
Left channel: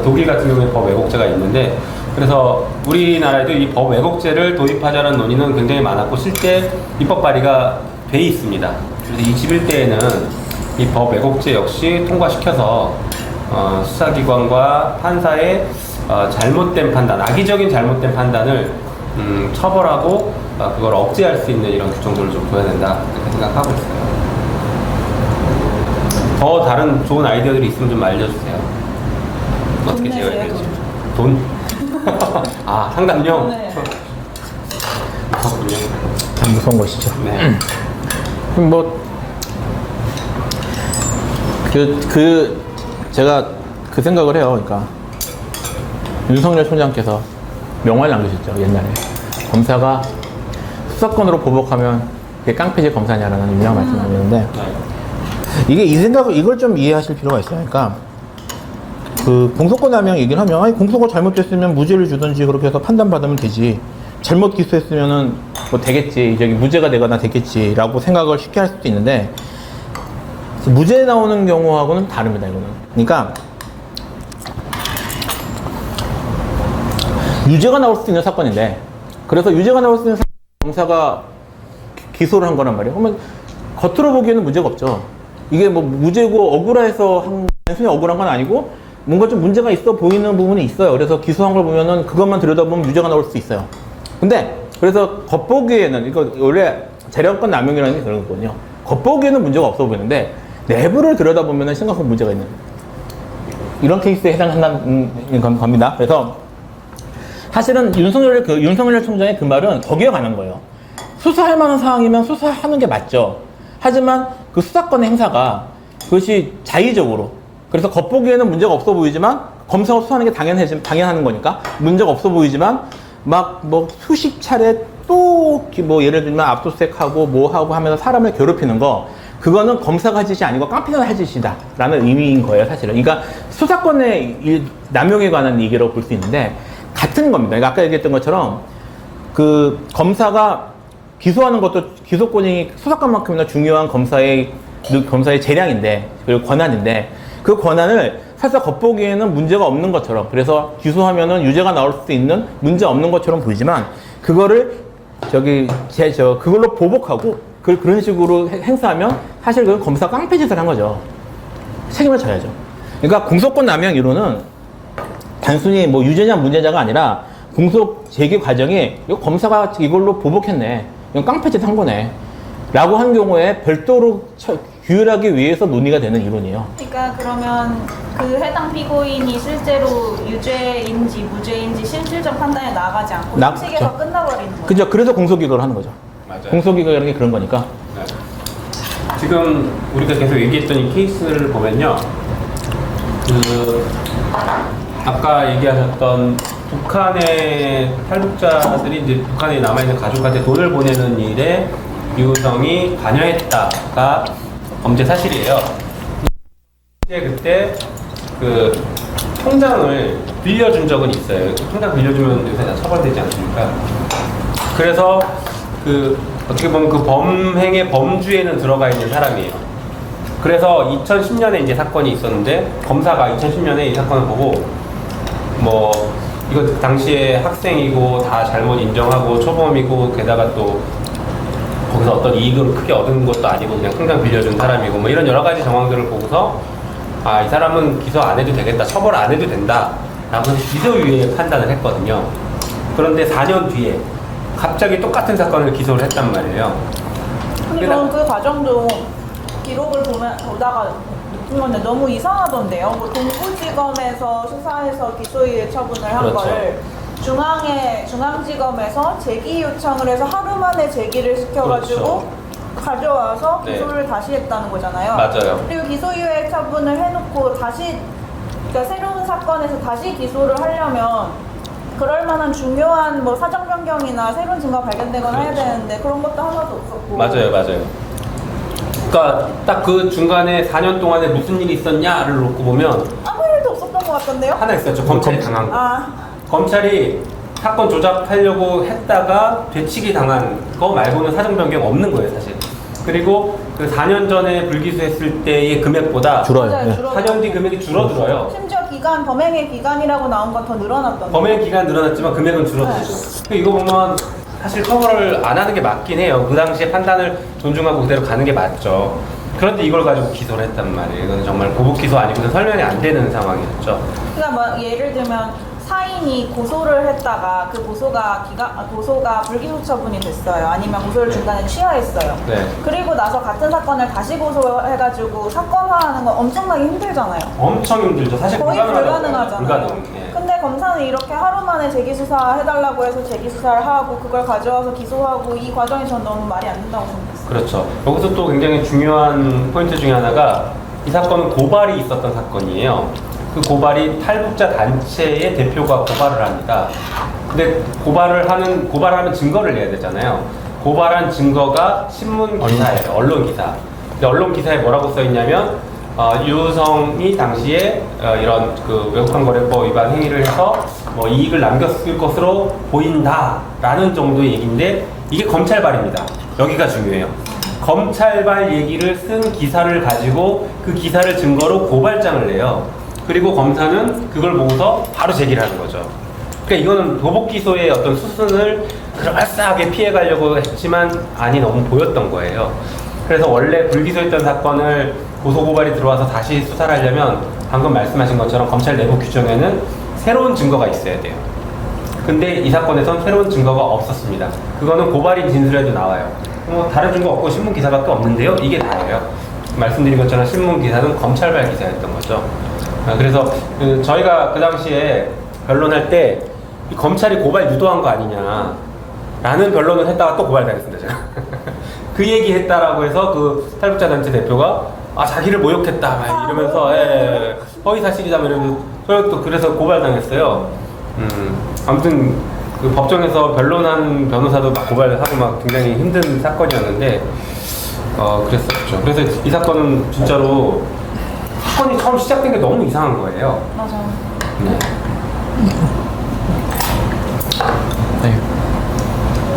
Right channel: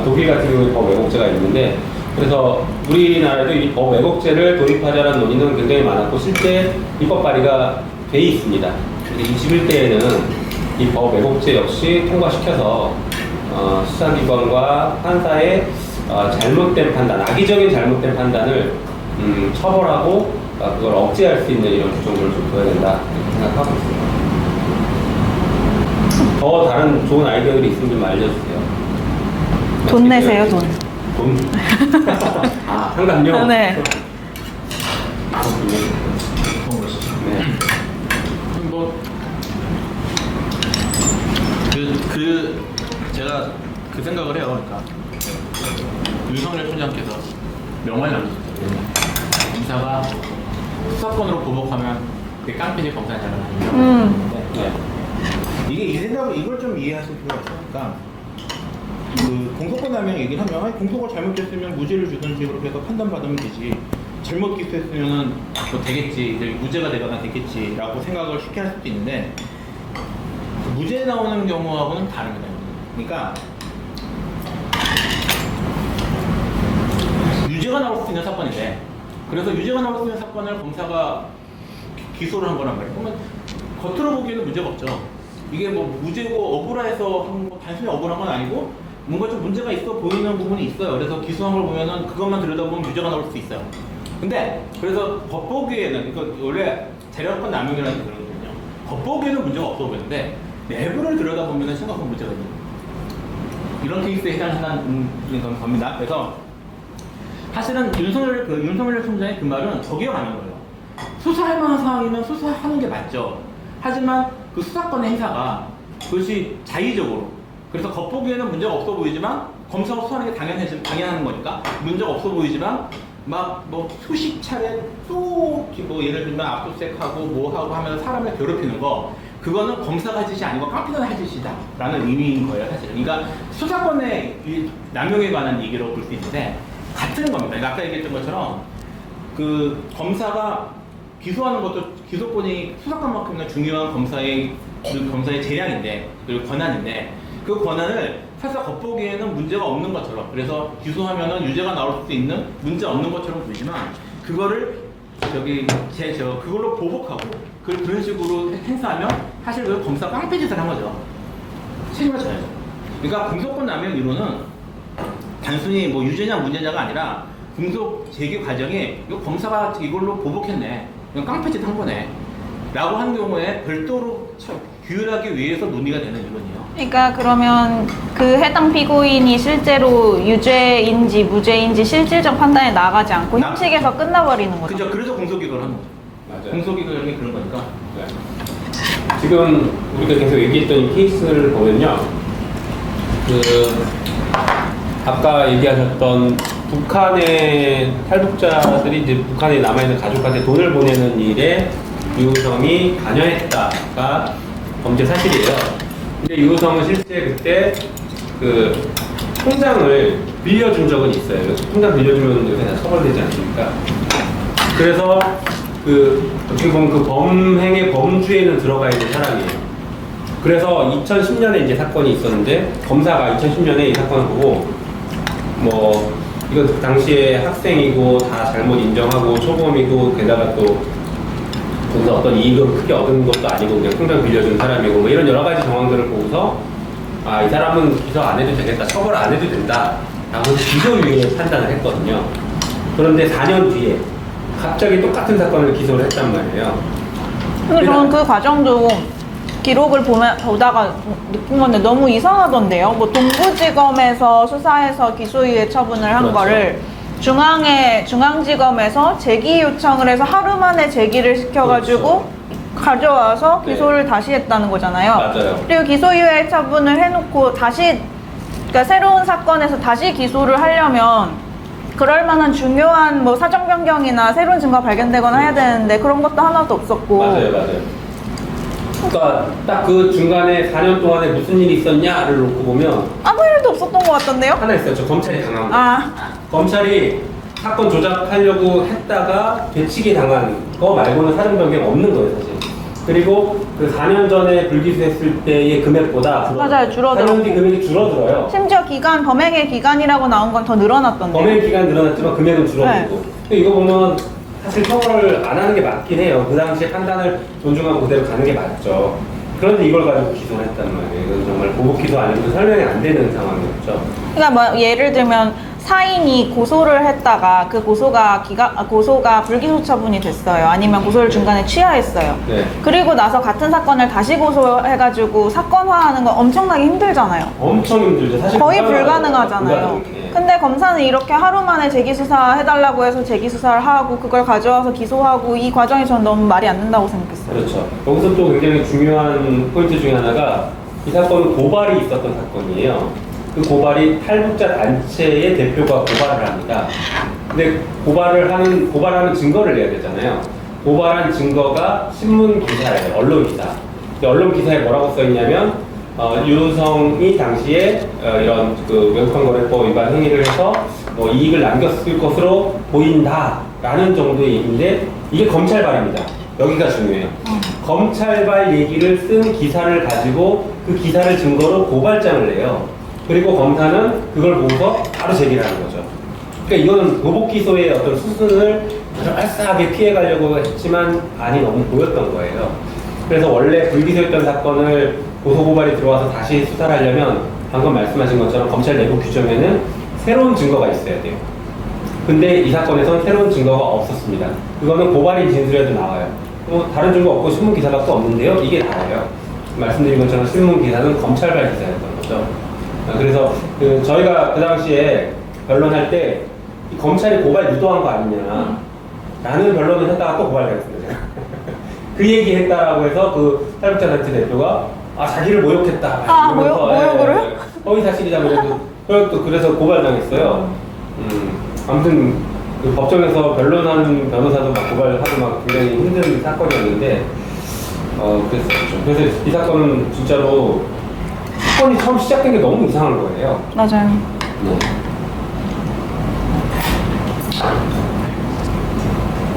독일 같은 경우에 법 왜곡죄가 있는데 그래서 우리나라에도 이 법 왜곡죄를 도입하자는 논의는 굉장히 많았고 실제 입법 발의가 돼 있습니다. 그래서 21대에는 이 법 왜곡죄 역시 통과시켜서 수사기관과 판사의 잘못된 판단, 악의적인 잘못된 판단을 처벌하고 그걸 억제할 수 있는 이런 규정들을 좀 둬야 된다 이렇게 생각하고 있습니다. 더 다른 좋은 아이디어들이 있으면 좀 알려주세요. 돈 내세요, 돈. 돈? 상담료? 네. 참 무서운 것이죠. 네. 제가 그 생각을 해요. 그러니까 윤석열 총장께서 명언을 남기셨죠. 옛날에 검사가 수사권으로 보복하면 이게 깡패지 검사냐라는 유명한 말씀을 드렸는데 이걸 좀 이해하실 필요가 있어요. 그러니까 그 공소권 남용 얘기를 하면 아니 공소가 잘못됐으면 무죄를 주든지 그렇게 해서 판단받으면 되지. 잘못 기소했으면은 뭐 되겠지. 저기 무죄가 되거나 됐겠지라고 생각을 쉽게 할 수도 있는데 무죄 나오는 경우하고는 다릅니다. 이거는. 그러니까 유죄가 나올 수 있는 사건인데, 그래서 유죄가 나올 수 있는 사건을 검사가 기소를 한 거란 말이에요. 그러면 겉으로 보기에는 문제가 없죠. 이게 뭐 무죄고 억울해서 한, 단순히 억울한 건 아니고 뭔가 좀 문제가 있어 보이는 부분이 있어요. 그래서 기소한 걸 보면은 그것만 들여다보면 유죄가 나올 수 있어요. 근데 그래서 겉보기에는 이거 원래 재량권 남용이라는 게 그런 거거든요. 겉보기에는 문제가 없어 보이는데 내부를 들여다보면 심각한 문제가 있는 이런 케이스에 해당한다는 겁니다. 그래서 사실은 윤석열 총장의 그 말은 거기에 관한 거예요. 수사할 만한 상황이면 수사하는 게 맞죠. 하지만 그 수사권의 행사가 그것이 자의적으로, 그래서 겉보기에는 문제가 없어 보이지만 검사가 수사하는 게 당연한 거니까 문제가 없어 보이지만 막 뭐 수십 차례 또 뭐 예를 들면 압수수색하고 뭐 하고 하면서 사람을 괴롭히는 거, 그거는 검사가 할 짓이 아니고 깡패가 할 짓이다 라는 의미인 거예요, 사실은. 그러니까 수사권의 남용에 관한 얘기라고 볼 수 있는데 같은 겁니다. 그러니까 아까 얘기했던 것처럼 그 검사가 기소하는 것도 기소권이 수사권만큼이나 중요한 검사의 재량인데, 그리고 권한인데, 그 권한을 살짝 겉보기에는 문제가 없는 것처럼, 그래서 기소하면은 유죄가 나올 수 있는 문제 없는 것처럼 보이지만 그거를 그걸로 보복하고 그런 식으로 행사하면 사실 그건 검사가 깡패짓을 한 거죠. 책임을 져야죠. 그러니까 공소권 남용 이론은 단순히 뭐 유죄냐 무죄냐가 아니라 공소 제기 과정에 이거 검사가 이걸로 보복했네, 이건 깡패짓 한 거네 라고 한 경우에 별도로 규율하기 위해서 논의가 되는 이론이에요. 그러니까 그러면 그 해당 피고인이 실제로 유죄인지 무죄인지 실질적 판단에 나가지 않고 형식에서 끝나버리는 거죠. 그죠. 그래서 공소기각을 하는 거죠. 맞아요. 공소기각이라는 게 그런 거니까. 네. 지금 우리가 계속 얘기했던 이 케이스를 보면요, 그 아까 얘기하셨던 북한의 탈북자들이 이제 북한에 남아있는 가족한테 돈을 보내는 일에 유우성이 관여했다가 범죄 사실이에요. 근데 유우성은 실제 그때 그 통장을 빌려준 적은 있어요. 통장 빌려주면 요새 다 처벌되지 않습니까? 그래서 그 어떻게 보면 그 범행의 범주에는 들어가 있는 사람이에요. 그래서 2010년에 이제 사건이 있었는데 검사가 2010년에 이 사건을 보고 뭐 이건 당시에 학생이고 다 잘못 인정하고 초범이고 게다가 또 거기서 어떤 이익을 크게 얻은 것도 아니고 그냥 통장 빌려준 사람이고 뭐 이런 여러 가지 정황들을 보고서 아, 이 사람은 기소 안 해도 되겠다, 처벌 안 해도 된다 라고 기소유예 판단을 했거든요. 그런데 4년 뒤에 갑자기 똑같은 사건을 기소를 했단 말이에요. 근데 저는 그 과정도 기록을 보다가 느낀 건데 너무 이상하던데요. 뭐 동부지검에서 수사해서 기소유예 처분을 한 그렇죠. 거를 중앙지검에서 재기 요청을 해서 하루 만에 재기를 시켜가지고 그렇죠. 가져와서 네. 기소를 다시 했다는 거잖아요. 맞아요. 그리고 기소유예 처분을 해놓고 다시, 그러니까 새로운 사건에서 다시 기소를 하려면 그럴 만한 중요한 뭐 사정 변경이나 새로운 증거가 발견되거나 해야 되는데 그런 것도 하나도 없었고. 맞아요. 그러니까 딱 그 중간에 4년 동안에 무슨 일이 있었냐를 놓고 보면 아무 일도 없었던 것 같던데요? 하나 있었죠. 검찰이 당한 거. 아, 검찰이 사건 조작하려고 했다가 되치기 당한 거 말고는 사정 변경 없는 거예요, 사실. 그리고 그 4년 전에 불기소했을 때의 금액보다 맞아요, 줄어들어. 4년 뒤 금액이 줄어들어요. 심지어 범행의 기간이라고 나온 건 더 늘어났던데. 범행 기간 늘어났지만 금액은 줄어들고. 이거 보면 사실 처벌을 안 하는 게 맞긴 해요. 그 당시에 판단을 존중하고 그대로 가는 게 맞죠. 그런데 이걸 가지고 기소를 했단 말이에요. 이건 정말 보복 기소 아니고 설명이 안 되는 상황이었죠. 그러니까 뭐 예를 들면 사인이 고소를 했다가 그 고소가 불기소 처분이 됐어요. 아니면 고소를 중간에 취하했어요. 네. 그리고 나서 같은 사건을 다시 고소해가지고 사건화하는 건 엄청나게 힘들잖아요. 엄청 힘들죠. 사실 거의 불가능하잖아요. 불가능해. 근데 검사는 이렇게 하루 만에 재기수사 해달라고 해서 재기수사를 하고 그걸 가져와서 기소하고 이 과정이 전 너무 말이 안 된다고 생각했어요. 그렇죠. 여기서 또 굉장히 중요한 포인트 중에 하나가 이 사건은 고발이 있었던 사건이에요. 그 고발이 탈북자 단체의 대표가 고발을 합니다. 근데 고발하는 증거를 내야 되잖아요. 고발한 증거가 신문 기사예요. 언론 기사. 근데 언론 기사에 뭐라고 써 있냐면 유우성이 당시에 이런 그 외국환거래법 위반 행위를 해서 뭐 이익을 남겼을 것으로 보인다라는 정도의 얘기인데 이게 검찰발입니다. 여기가 중요해요. 검찰발 얘기를 쓴 기사를 가지고 그 기사를 증거로 고발장을 내요. 그리고 검사는 그걸 보고서 바로 제기를 하는 거죠. 그러니까 이거는 로봇 기소의 어떤 수순을 그럴싸하게 피해가려고 했지만 안이 너무 보였던 거예요. 그래서 원래 불기소했던 사건을 고소고발이 들어와서 다시 수사를 하려면 방금 말씀하신 것처럼 검찰 내부 규정에는 새로운 증거가 있어야 돼요. 근데 이 사건에선 새로운 증거가 없었습니다. 그거는 고발인 진술에도 나와요. 다른 증거 없고 신문 기사밖에 없는데요. 이게 다예요. 말씀드린 것처럼 신문 기사는 검찰발 기사였던 거죠. 그래서 저희가 그 당시에 변론할 때 이 검찰이 고발 유도한 거 아니냐 라는 변론을 했다가 또 고발당했습니다. 제가. 그 얘기 했다라고 해서 그 탈북자단체 대표가 자기를 모욕했다 막 이러면서 허위 사실이다 이러면서 또 그래서 고발당했어요. 아무튼 그 법정에서 변론하는 변호사도 막 고발하고 막 굉장히 힘든 사건이었는데 그랬었죠. 그래서 이 사건은 진짜로 사건이 처음 시작된 게 너무 이상한 거예요. 맞아요. 네. 네.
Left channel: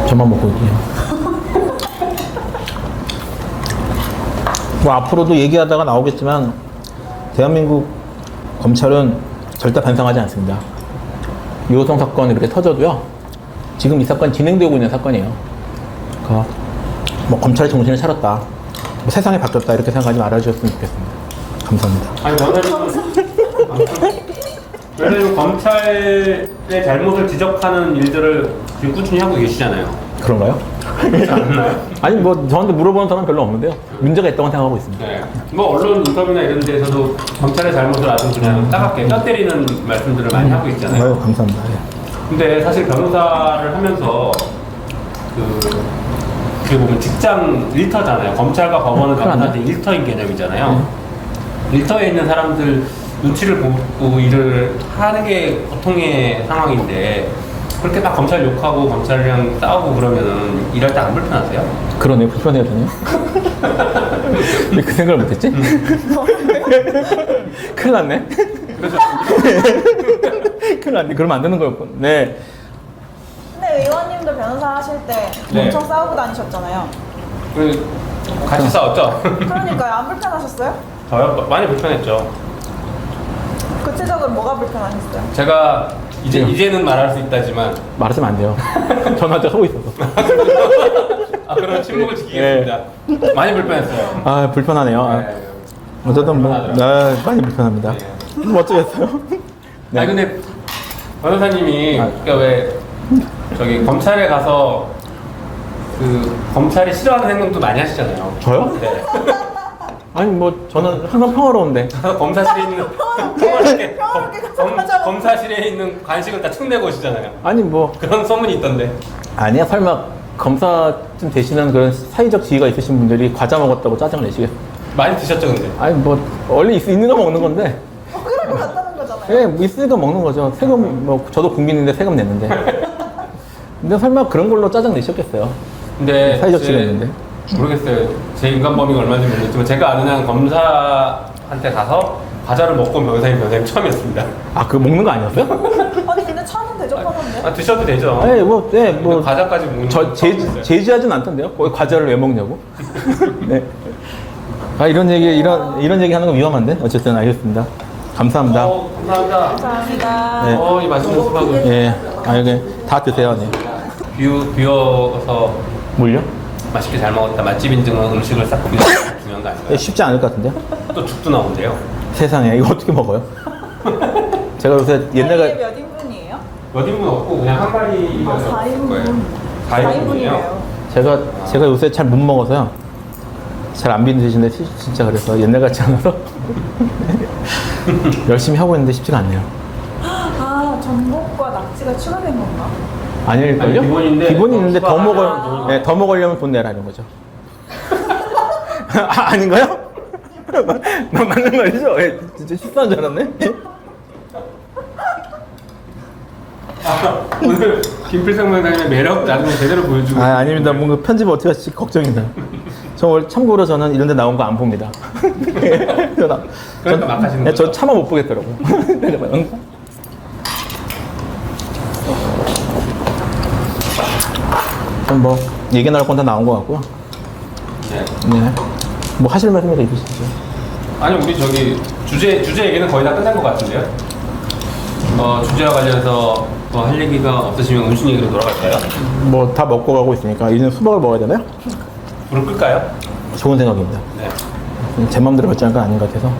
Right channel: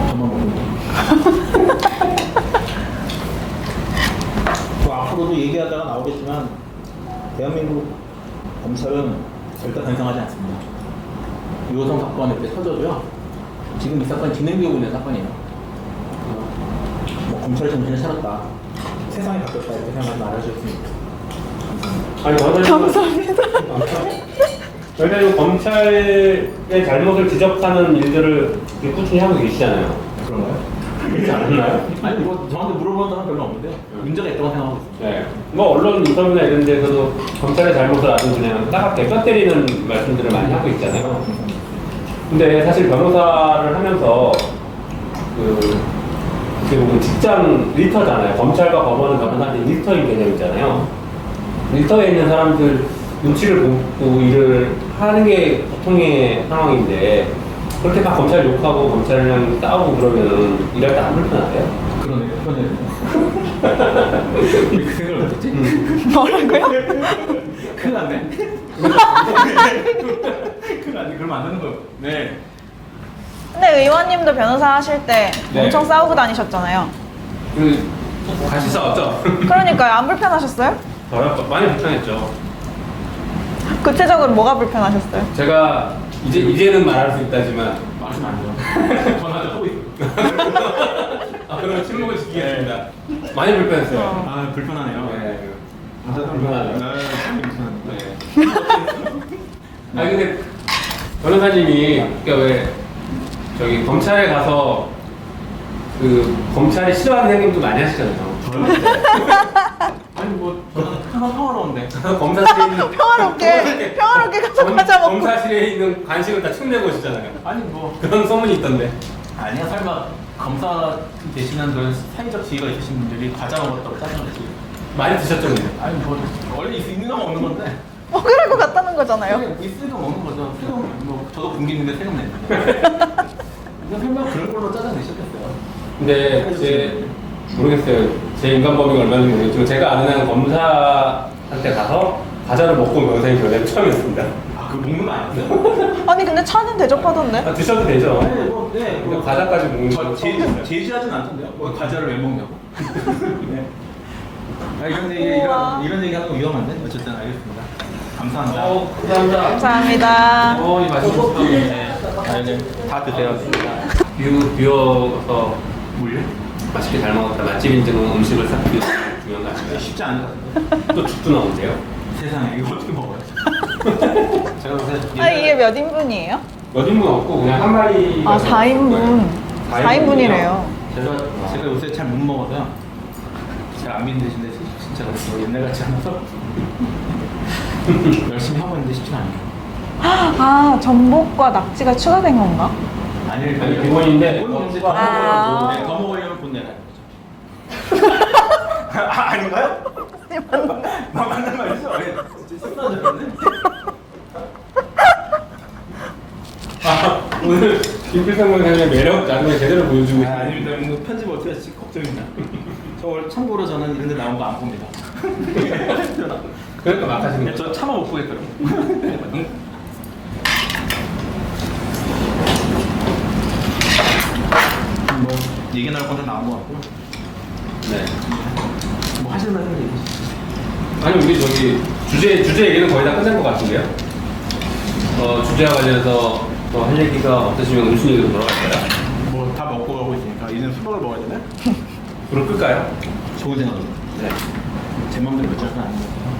저만 먹고 올게요. 뭐 앞으로도 얘기하다가 나오겠지만 대한민국 검찰은 절대 반성하지 않습니다. 유호성 사건이 이렇게 터져도요. 지금 이 사건 진행되고 있는 사건이에요. 그러니까 뭐 검찰의 정신을 차렸다. 뭐 세상이 바뀌었다 이렇게 생각하지 말아주셨으면 좋겠습니다. 감사합니다. 아니, 감사합니다. 왜냐면 검찰의 잘못을 지적하는 일들을 지금 꾸준히 하고 계시잖아요. 그런가요? 그렇지 않나요? 아니 뭐 저한테 물어보는 사람은 별로 없는데요. 문제가 있다고 생각하고 있습니다. 네. 뭐 언론 인터뷰나 이런 데서도 검찰의 잘못을 아주 그냥 따갑게 뼈 때리는 말씀들을 많이 하고 있잖아요. 감사합니다. 근데 사실 변호사를 하면서 그 직장 일터잖아요. 검찰과 법원은 변호사한테 일터인 개념이잖아요. 일터에 있는 사람들 눈치를 보고 일을 하는 게 보통의 상황인데 그렇게 막 검찰 욕하고 검찰이랑 싸우고 그러면 일할 때 안 불편하세요? 그러네요. 불편해야 되네요. 근데 그 생각을 못했지? 뭐라고요? 큰일 났네. 큰일 났네. 그러면 안 되는 거였고. 네. 근데 의원님도 변호사 하실 때 네. 엄청 싸우고 다니셨잖아요. 같이 싸웠죠? 그러니까요. 안 불편하셨어요? 저요? 많이 불편했죠. 구체적으로 뭐가 불편하셨어요? 제가 이제는 말할 수 있다지만 말하시면 안 돼요. 전화도 하고 있어서. 그러면 침묵을 지키겠습니다. 많이 불편했어요. 아, 불편하네요. 네. 어쨌든 뭐, 불편하죠. 많이 불편합니다. 네. 뭐 어쩌겠어요? 아 근데 변호사님이 그러니까 왜 저기 검찰에 가서 그 검찰이 싫어하는 행동도 많이 하시잖아요. 저요? 네. 아니 뭐 저는 항상 평화로운데. 가서 검사실에 있는 평화롭게 가서 과자 먹고. 검사실에 있는 간식을 다 축내고 오시잖아요. 아니 뭐 그런 소문이 있던데. 아니야 설마 검사쯤 되시면 그런 사회적 지위가 있으신 분들이 과자 먹었다고 짜증 내시겠어요? 많이 드셨죠 근데? 아니 뭐 원래 있는 거 먹는 건데. 먹으라고 갔다는 거잖아요. 네, 뭐 있으니까 먹는 거죠. 세금 뭐 저도 국민인데 세금 냈는데. 근데 설마 그런 걸로 짜증 내셨겠어요? 근데 사회적 지위가 있는데. 모르겠어요. 제 인간 범위가 얼마인지 모르겠지만 제가 아는 한 검사한테 가서 과자를 먹고 온 변호사님 변호사님 처음이었습니다. 아, 그거 먹는 거 아니었어요? 아니 근데 차는 대접하던데? 드셔도 되죠? 네, 뭐, 네, 근데 뭐. 과자까지 먹는 저 건 처음 봤어요. 제지하진 않던데요? 거기 과자를 왜 먹냐고? 네. 아, 이런 얘기 하는 거 위험한데? 어쨌든 알겠습니다. 감사합니다. 감사합니다. 감사합니다. 네. 이 맛있는 수박이. 예. 아, 이거 다 드세요. 네. 비워서 뭘요? 맛있게 잘 먹었다. 맛집 인증은 음식을 싹 비워 중요한 거 아닌가요? 쉽지 않을 것 같은데? 또 죽도 나온대요. 세상에, 이거 어떻게 먹어요? 제가 요새 아, 이게 옛날에. 몇 인분이에요? 몇 인분 없고 그냥 한 마리. 아, 4인분. 4인분이래요. 제가 요새 잘 못 먹어서요. 잘 안 비드시는데 진짜 그래서 옛날 같지 않아서 열심히 하고 있는데 쉽지가 않네요. 아, 전복과 낙지가 추가된 건가? 아닐걸요? 아니, 기본인데 기본이 있는데 더 아. 네, 더 먹으려면 돈 내라 이런 거죠. 아닌가요? 맞는 말이죠? 예, 진짜 실수한 줄 알았네. 오늘 김필성 변호사님의 매력 나중에 제대로 보여주고. 아닙니다. 뭔가 편집 어떻게 할지 걱정입니다. 저 오늘 참고로 저는 이런 데 나온 거 안 봅니다. 그러니까 막 하시는 네, 거죠? 저 차마 못 보겠더라고. 그럼 뭐 얘기 나올 건 다 나온 것 같고요. 네. 네. 뭐 하실 말씀 얘기해 주시죠. 아니 우리 저기 주제 얘기는 거의 다 끝난 것 같은데요? 주제와 관련해서 할 얘기가 없으시면 음식 얘기로 돌아갈까요? 뭐 다 먹고 가고 있으니까 이제는 수박을 먹어야 되나요? 불을 끌까요? 좋은 생각입니다. 네. 제 맘대로 결정한 건 아닌 것 같아서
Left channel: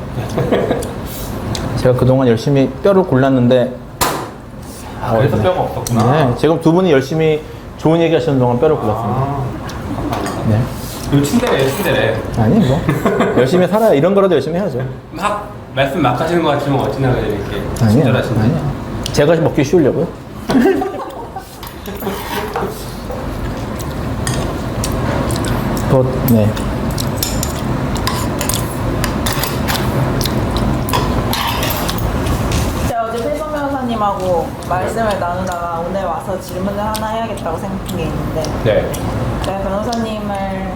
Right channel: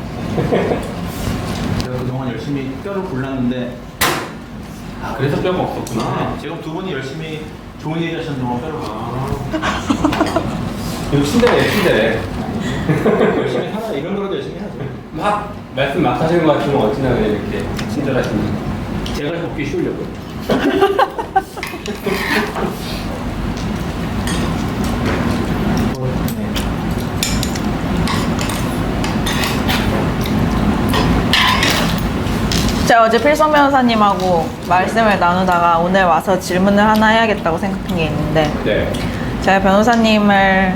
제가 그동안 열심히 뼈를 골랐는데 그래서 뼈가 없었구나. 네, 지금 두 분이 열심히 좋은 얘기 하시는 동안 뼈를 골랐습니다. 네. 이거 침대네, 침대네. 아니 뭐 열심히 살아야 이런 거라도 열심히 해야죠. 말씀 막 하시는 것 같지만 어찌나 이렇게 친절하시나요? 제가 먹기 쉬우려고요. 네. 제가 어제 필성 변호사님하고 말씀을 나누다가 오늘 와서 질문을 하나 해야겠다고 생각한 게 있는데 네. 제가 변호사님을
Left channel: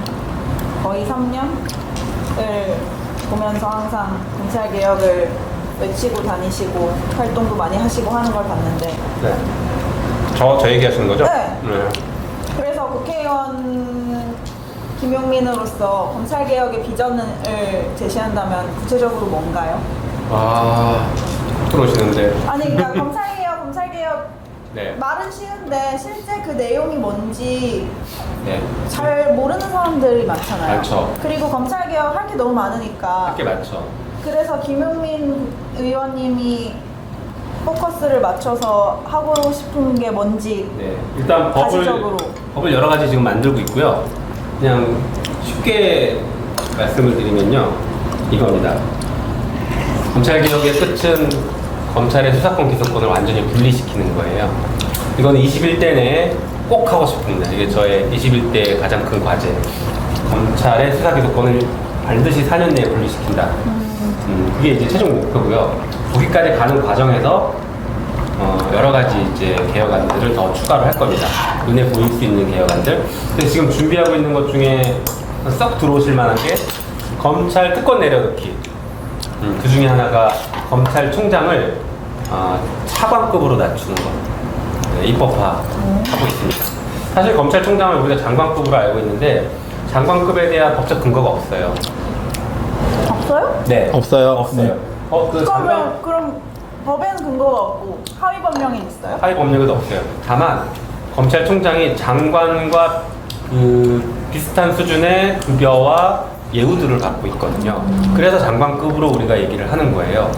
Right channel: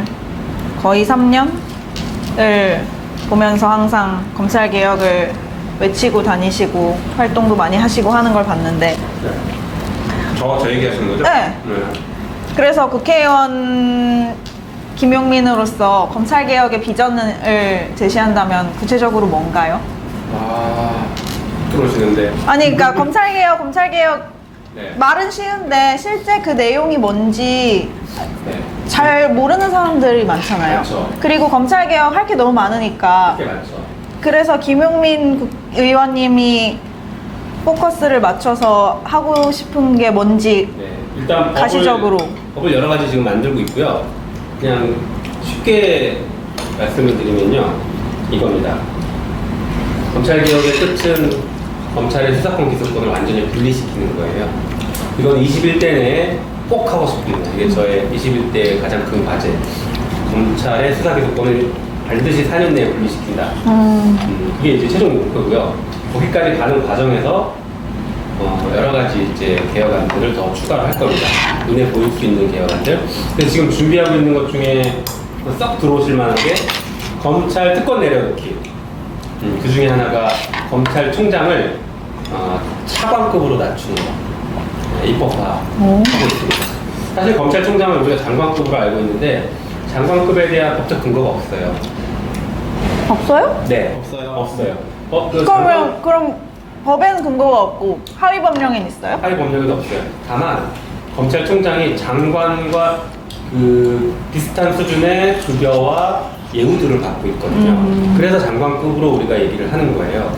거의 3년을 보면서 항상 검찰개혁을 외치고 다니시고 활동도 많이 하시고 하는 걸 봤는데 네. 저 얘기하시는 거죠? 네. 그래서 국회의원 김용민으로서 검찰개혁의 비전을 제시한다면 구체적으로 뭔가요? 그러시는데. 아니 그러니까 검찰개혁 네. 말은 쉬운데 실제 그 내용이 뭔지 네. 잘 모르는 사람들이 많잖아요. 많죠. 그리고 검찰개혁 할 게 너무 많으니까 게 많죠. 그래서 김용민 의원님이 포커스를 맞춰서 하고 싶은 게 뭔지 네. 일단 가시적으로. 법을 여러 가지 지금 만들고 있고요. 그냥 쉽게 말씀을 드리면요. 이겁니다. 검찰개혁의 끝은 검찰의 수사권 기소권을 완전히 분리시키는 거예요. 이건 21대 내에 꼭 하고 싶습니다. 이게 저의 21대의 가장 큰 과제. 검찰의 수사 기소권을 반드시 4년 내에 분리시킨다. 그게 이제 최종 목표고요. 거기까지 가는 과정에서 여러 가지 이제 개혁안들을 더 추가를 할 겁니다. 눈에 보일 수 있는 개혁안들. 근데 지금 준비하고 있는 것 중에 썩 들어오실 만한 게 검찰 특권 내려놓기. 그 중에 하나가 검찰총장을 차관급으로 낮추는 거. 입법화하고 있습니다. 사실 검찰총장을 우리가 장관급으로 알고 있는데 장관급에 대한 법적 근거가 없어요. 없어요? 네. 없어요. 없어요. 그럼 법에는 근거가 없고 하위 법령에는 있어요? 하위 법령에도 없어요. 다만 검찰총장이 장관과 그 비슷한 수준의 급여와 예우들을 갖고 있거든요. 그래서 장관급으로 우리가 얘기를 하는 거예요.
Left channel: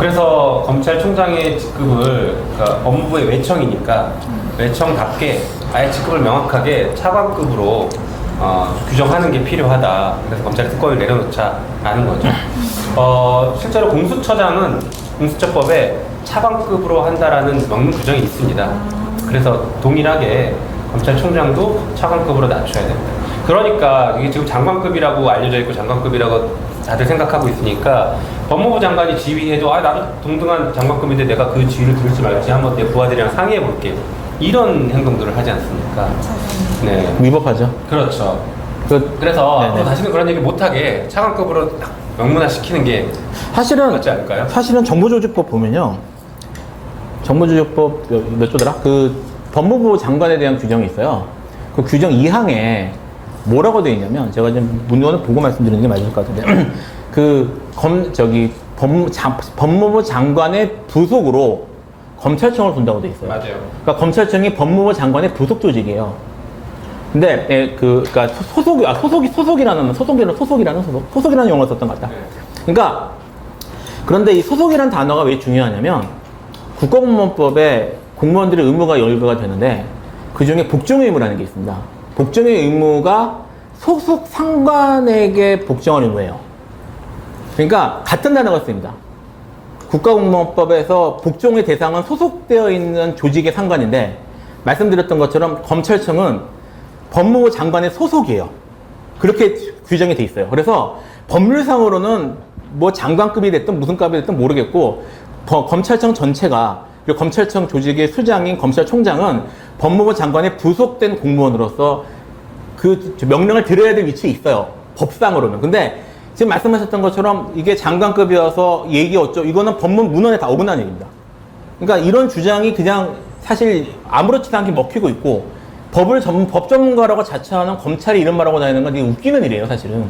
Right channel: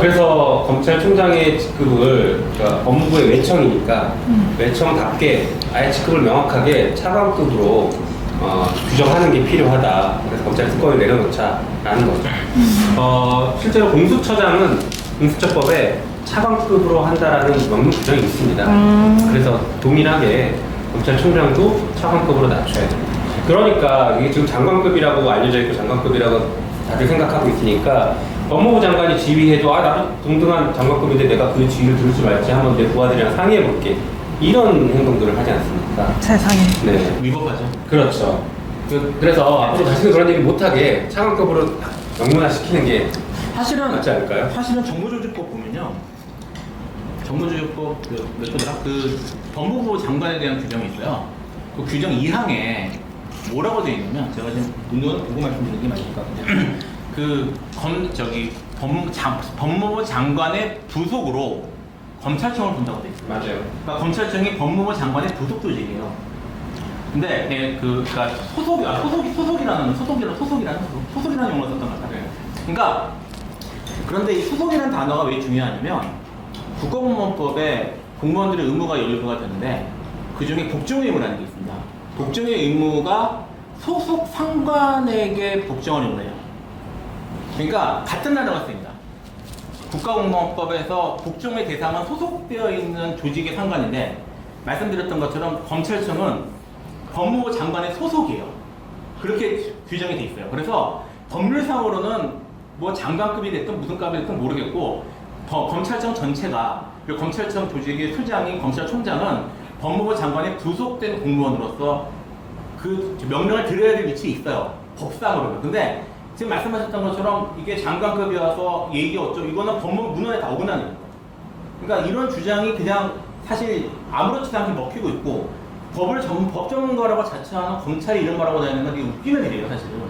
그래서 검찰총장의 직급을 그러니까 법무부의 외청이니까 외청답게 아예 직급을 명확하게 차관급으로 규정하는 게 필요하다. 그래서 검찰 특권을 내려놓자라는 거죠. 실제로 공수처장은 공수처법에 차관급으로 한다라는 명문 규정이 있습니다. 그래서 동일하게 검찰총장도 차관급으로 낮춰야 됩니다. 그러니까 이게 지금 장관급이라고 알려져 있고 장관급이라고 다들 생각하고 있으니까 법무부 장관이 지휘해도 나도 동등한 장관급인데 내가 그 지휘를 들지 말지 한번 내 부하들이랑 상의해 볼게. 이런 행동들을 하지 않습니까? 세상에. 네. 위법하죠. 그렇죠. 그래서 앞으로 다시는 그런 얘기 못하게 차관급으로 딱 명문화시키는 게 맞지 않을까요? 사실은 정부조직법 보면요. 정부조직법 몇 조더라? 그 법무부 장관에 대한 규정이 있어요. 그 규정 2항에 뭐라고 되어 있냐면 제가 지금 문건을 보고 말씀드리는 게 맞을 것 같은데 법무부 장관의 부속으로 검찰청을 둔다고 되어 있어요. 맞아요. 그러니까 검찰청이 법무부 장관의 부속 조직이에요. 근데 그러니까 소속이라는 용어를 썼던 것 같다. 네. 그러니까 그런데 이 소속이라는 단어가 왜 중요하냐면 국가공무원법에 공무원들의 의무가 열개가 되는데 그 중에 복종 의무라는 게 있습니다. 복종의 의무가 소속 상관에게 복종하는 의무예요. 그러니까 같은 단어가 쓰입니다. 국가공무원법에서 복종의 대상은 소속되어 있는 조직의 상관인데 말씀드렸던 것처럼 검찰청은 법무부 장관의 소속이에요. 그렇게 규정이 돼 있어요. 그래서 법률상으로는 뭐 장관급이 됐든 무슨 급이 됐든 모르겠고 검찰청 전체가 그리고 검찰청 조직의 수장인 검찰총장은 법무부 장관의 부속된 공무원으로서 그 명령을 드려야 될 위치에 있어요. 법상으로는. 근데 지금 말씀하셨던 것처럼 이게 장관급이어서 얘기 어쩌고 이거는 법문 문헌에 다 어긋난 얘기입니다. 그러니까 이런 주장이 그냥 사실 아무렇지도 않게 먹히고 있고 법 전문가라고 자처하는 검찰이 이런 말하고 다니는 건 되게 웃기는 일이에요, 사실은.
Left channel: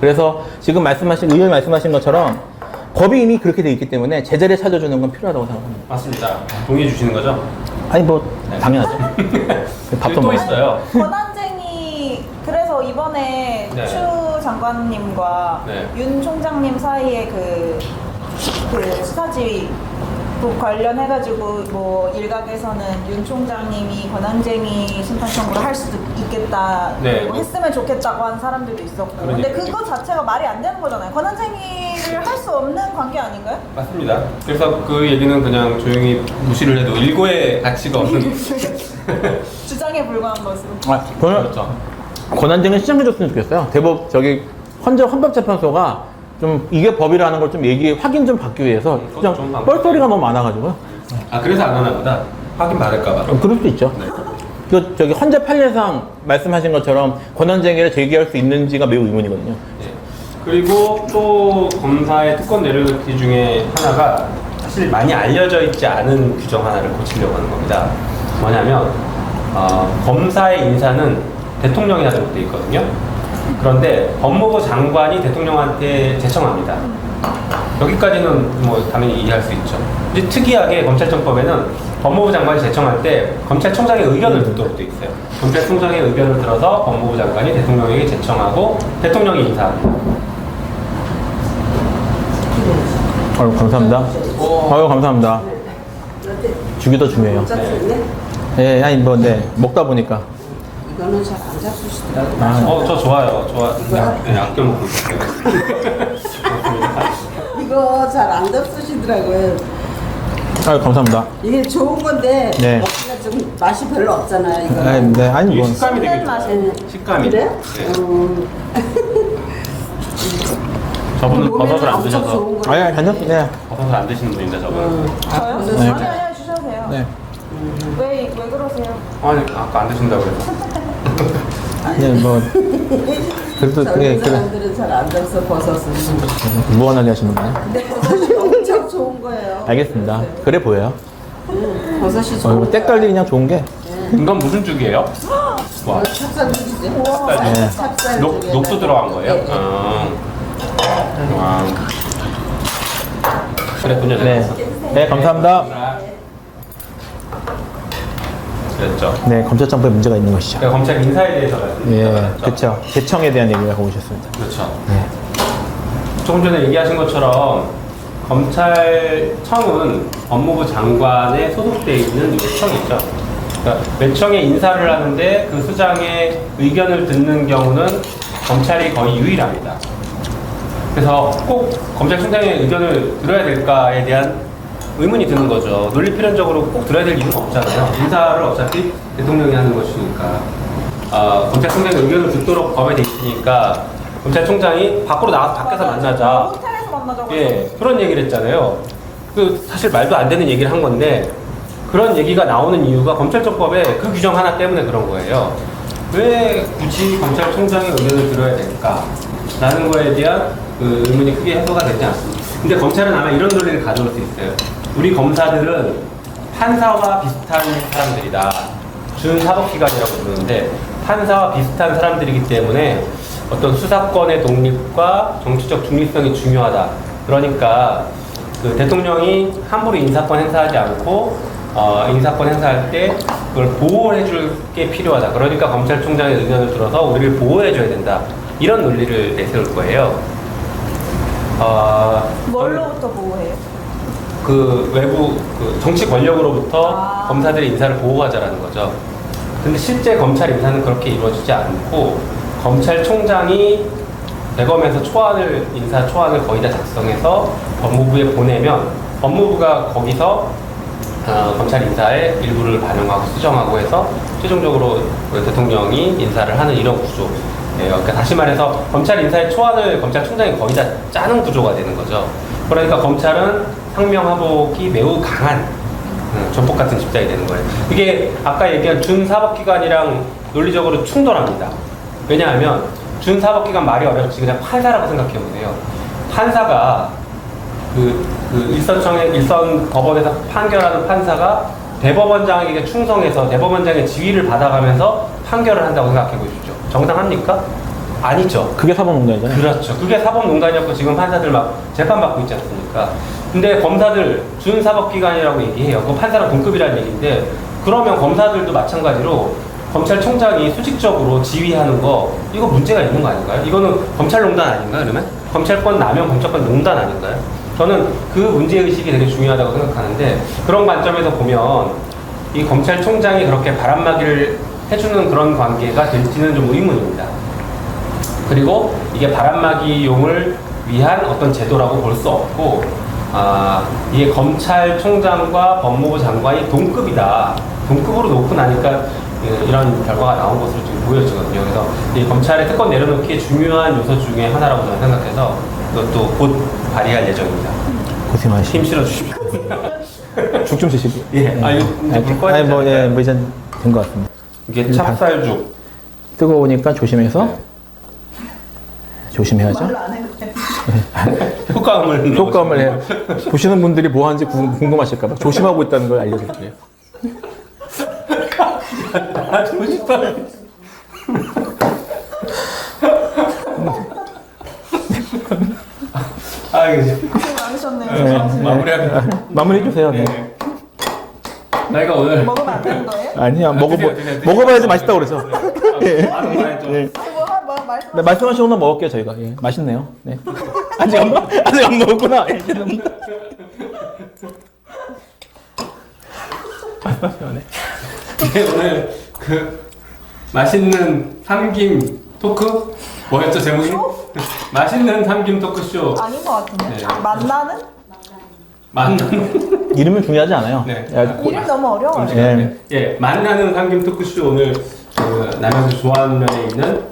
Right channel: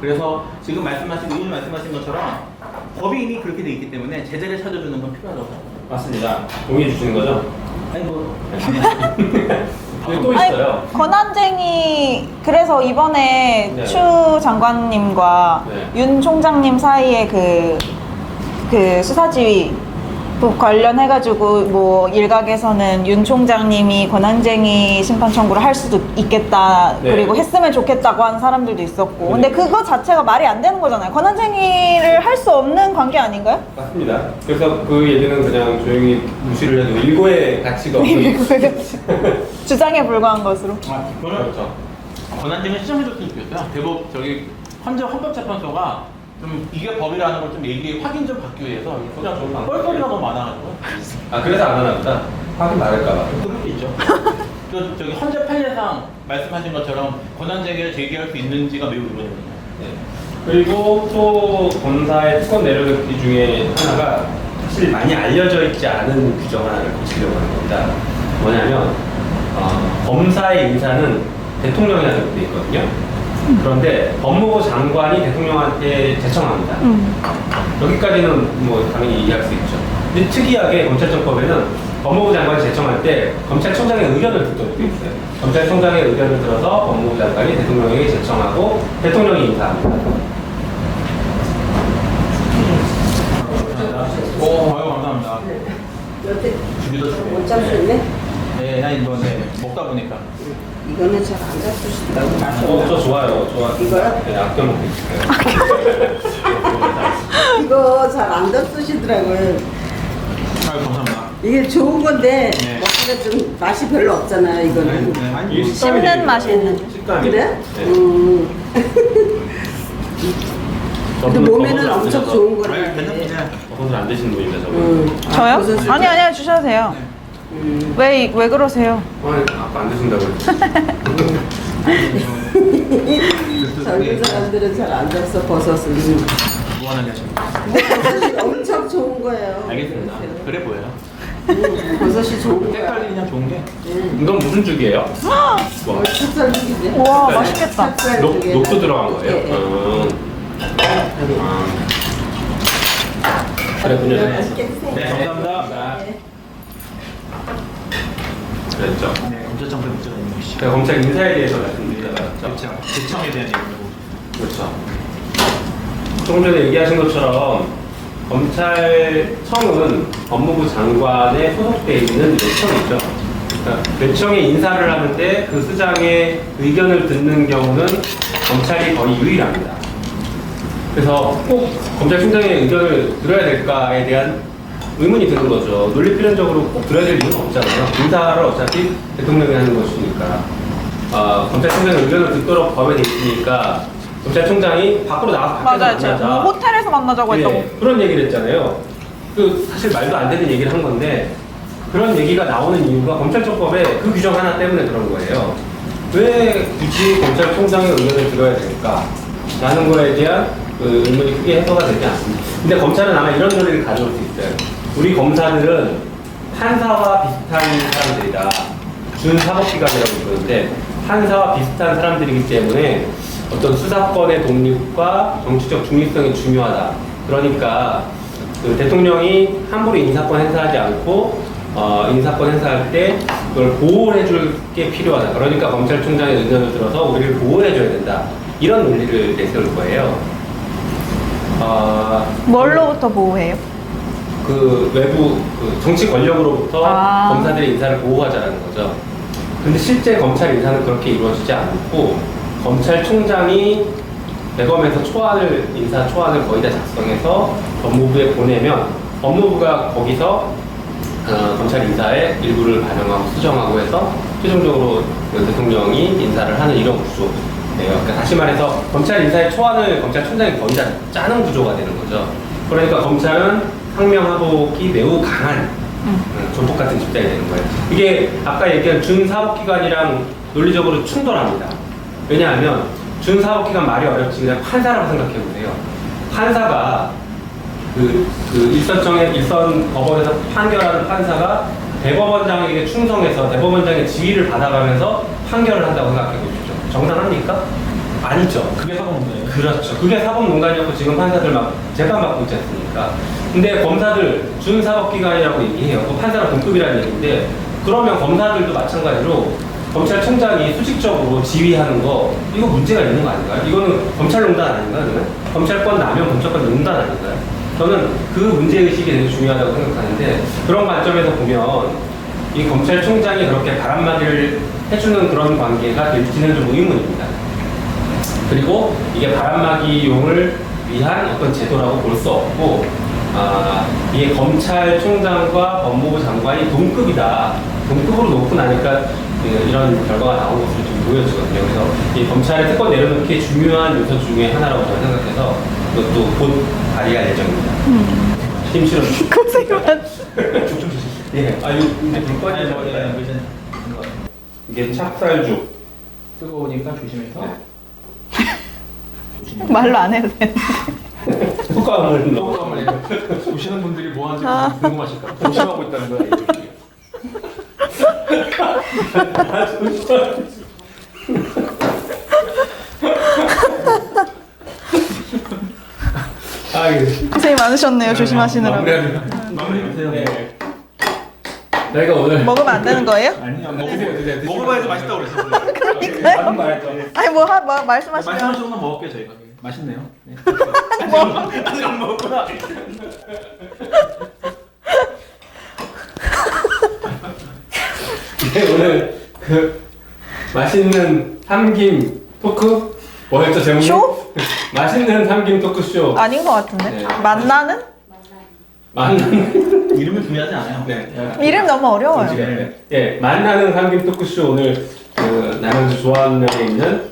그래서 지금 의원 말씀하신 것처럼 법이 이미 그렇게 돼 있기 때문에 제자리에 찾아주는 건 필요하다고 생각합니다. 맞습니다. 동의해 주시는 거죠? 아니 뭐 당연하죠. 밥도 또 먹. 있어요. 권한쟁이 그래서 이번에 네. 추 장관님과 네. 윤 총장님 사이에 그 수사지휘 또 관련해가지고 뭐 일각에서는 윤 총장님이 권한쟁이 심판 청구를 할 수도 있겠다 네. 그리고 했으면 좋겠다고 하는 사람들도 있었고 근데 그거 자체가 말이 안 되는 거잖아요. 권한쟁이를 할 수 없는 관계 아닌가요? 맞습니다. 그래서 그 얘기는 그냥 조용히 무시를 해도 일고의 가치가 없는 주장에 불과한 것으로. 아, 저는 그렇죠. 권한쟁이 시정해줬으면 좋겠어요. 대법 저기 헌법재판소가 좀 이게 법이라는 걸 좀 확인 좀 받기 위해서 그냥 뻘소리가 너무 많아가지고 아 그래서 안 하나 보다. 확인 받을까봐. 그럴 수 있죠. 저기 헌재 판례상 말씀하신 것처럼 권한쟁의를 제기할 수 있는지가 매우 의문이거든요. 네. 그리고 또 검사의 특권 내려놓기 중에 하나가 사실 많이 알려져 있지 않은 규정 하나를 고치려고 하는 겁니다. 뭐냐면 검사의 인사는 대통령이 하도록 되어 있거든요. 그런데 법무부 장관이 대통령한테 제청합니다. 여기까지는 뭐 당연히 이해할 수 있죠. 근데 특이하게 검찰청법에는 법무부 장관이 제청할 때 검찰총장의 의견을 듣도록 되어 있어요. 검찰총장의 의견을 들어서 법무부 장관이 대통령에게 제청하고 대통령이 인사합니다. 아유 감사합니다. 아유 감사합니다. 주기도 중요해요. 네, 아니 뭐 네 먹다 보니까. 이거는 잘 안 잡수시더라고요. 저 좋아요. 그냥 아껴 먹고 있어요. 이거 잘 안 잡수시더라고요. 아유 감사합니다. 이게 좋은 건데 네. 먹기가 좀 맛이 별로 없잖아요. 이거는. 네, 아니 뭐 식감이 되게 씹는 맛이 식감이. 그래? 네. 근데 저분은 몸에는 버섯을 안 엄청 드셔서 좋은 거예요. 아니 괜찮습니다. 버섯을 안 드시는 분인데 저분. 저요? 버섯을 아니 아니요 주셔도 돼요. 네. 왜 그러세요? 아니 아까 안 드신다고 해서. 네, 뭐 그래도 젊은 네, 사람들은 잘 안 잡서 버섯은. 무언하게 하시는 거예요? 버섯이 엄청 좋은 거예요. 알겠습니다. 그래 보여요. 버섯이 좋은 거예요. 때깔이 그냥 좋은 게 이건 무슨 죽이에요? 뭐 찹쌀죽이죠. 와 네. 맛있겠다. 찹쌀죽에. 녹두 들어간 거예요? 네. 그랬군요. 네, 감사합니다. 그랬죠. 네, 검찰청법에 문제가 있는 것이죠. 제가 검찰 인사에 대해서 예, 말씀드렸죠. 그렇죠. 재청에 대한 얘기를 하고 오셨습니다. 그렇죠. 네. 조금 전에 얘기하신 것처럼 검찰청은 법무부 장관에 소속되어 있는 요청이죠. 그러니까 요청에 인사를 하는데 그 수장의 의견을 듣는 경우는 검찰이 거의 유일합니다. 그래서 꼭 검찰총장의 의견을 들어야 될까에 대한 의문이 드는 거죠. 논리 필연적으로 꼭 들어야 될 이유가 없잖아요. 인사를 어차피 대통령이 하는 것이니까. 검찰총장의 의견을 듣도록 법에 돼 있으니까 검찰총장이 밖으로 나가서 밖에서 맞아요. 지금 만나자. 호텔에서 만나자고 했다고. 예, 그런 얘기를 했잖아요. 그 사실 말도 안 되는 얘기를 한 건데 그런 얘기가 나오는 이유가 검찰청법에 그 규정 하나 때문에 그런 거예요. 왜 굳이 검찰총장의 의견을 들어야 될까? 라는 거에 대한 그 의문이 크게 해소가 되지 않습니다. 근데 검찰은 아마 이런 논리를 가져올 수 있어요. 우리 검사들은 판사와 비슷한 사람들이다. 준사법기관이라고 부르는데 판사와 비슷한 사람들이기 때문에 어떤 수사권의 독립과 정치적 중립성이 중요하다. 그러니까 그 대통령이 함부로 인사권 행사하지 않고 인사권 행사할 때 그걸 보호해줄 게 필요하다. 그러니까 검찰총장의 의견을 들어서 우리를 보호해줘야 된다. 이런 논리를 내세울 거예요. 뭘로부터 보호해요? 그 외부 그 정치 권력으로부터 검사들의 인사를 보호하자라는 거죠. 근데 실제 검찰 인사는 그렇게 이루어지지 않고 검찰총장이 대검에서 인사 초안을 거의 다 작성해서 법무부에 보내면 법무부가 거기서 검찰 인사의 일부를 반영하고 수정하고 해서 최종적으로 그 대통령이 인사를 하는 이런 구조. 네, 그러니까 다시 말해서 검찰 인사의 초안을 검찰총장이 거의 다 짜는 구조가 되는 거죠. 그러니까 검찰은 상명하복이 매우 강한 전폭 같은 집단이 되는 거예요. 이게 아까 얘기한 준사법기관이랑 논리적으로 충돌합니다. 왜냐하면 준사법기관 말이 어렵지 그냥 판사라고 생각해 보세요. 판사가 일선 법원에서 판결하는 판사가 대법원장에게 충성해서 대법원장의 지휘를 받아가면서 판결을 한다고 생각해 보십시오. 정당합니까? 아니죠. 그게 사법농단이잖아요. 그렇죠. 그게 사법농단이었고 지금 판사들 막 재판받고 있지 않습니까? 근데 검사들 준사법기관이라고 얘기해요. 그 판사랑 동급이라는 얘기인데 그러면 검사들도 마찬가지로 검찰총장이 수직적으로 지휘하는 거 이거 문제가 있는 거 아닌가요? 이거는 검찰농단 아닌가요? 그러면? 검찰권 남용, 검찰권 농단 아닌가요? 저는 그 문제의식이 되게 중요하다고 생각하는데 그런 관점에서 보면 이 검찰총장이 그렇게 바람막이를 해주는 그런 관계가 될지는 좀 의문입니다. 그리고 이게 바람막이용을 위한 어떤 제도라고 볼 수 없고 이게 검찰총장과 법무부 장관이 동급이다. 동급으로 놓고 나니까 이런 결과가 나온 것으로 지금 보여지거든요. 그래서 이 검찰의 특권 내려놓기에 중요한 요소 중에 하나라고 저는 생각해서 그것도 곧 발의할 예정입니다. 고생 많으시고. 힘실어. 죽 좀 드시고. 예. 아, 이거 불 꺼야 아니, 뭐, 예, 되잖아요. 뭐 이제 된 것 같습니다. 이게 찹쌀죽. 뜨거우니까 조심해서. 조심해야지. 말로 안 해도 돼. 효과음을. 효과음을 해. 보시는 분들이 뭐 하는지 궁금하실까봐 조심하고 있다는 걸 알려드릴게요. 아, 정말 아, 이게 고생이 많으셨네요. 조심하시느라. 마무리해주세요. 네. 네. 저희가 오늘 먹으면 안 되는 거예요? 아니야, 드세요. 먹어봐야지 맛있다고 그래서. 방금 말했죠. 아니 뭐 네, 말씀하시면 말씀하신 건 먹을게요, 저희가. 예, 맛있네요. 네. 아직 안 먹었구나. 네, 오늘 그 맛있는 삼김 토크 뭐였죠 제목이? 쇼? 맛있는 삼김 토크쇼 아닌 것 같은데. 네. 만나는? 만나는 이름은 중요하지 않아요. 네. 야, 이름 너무 어려워요. 네. 예 만나는 삼김 토크쇼 오늘 그 남양주 조안면에 있는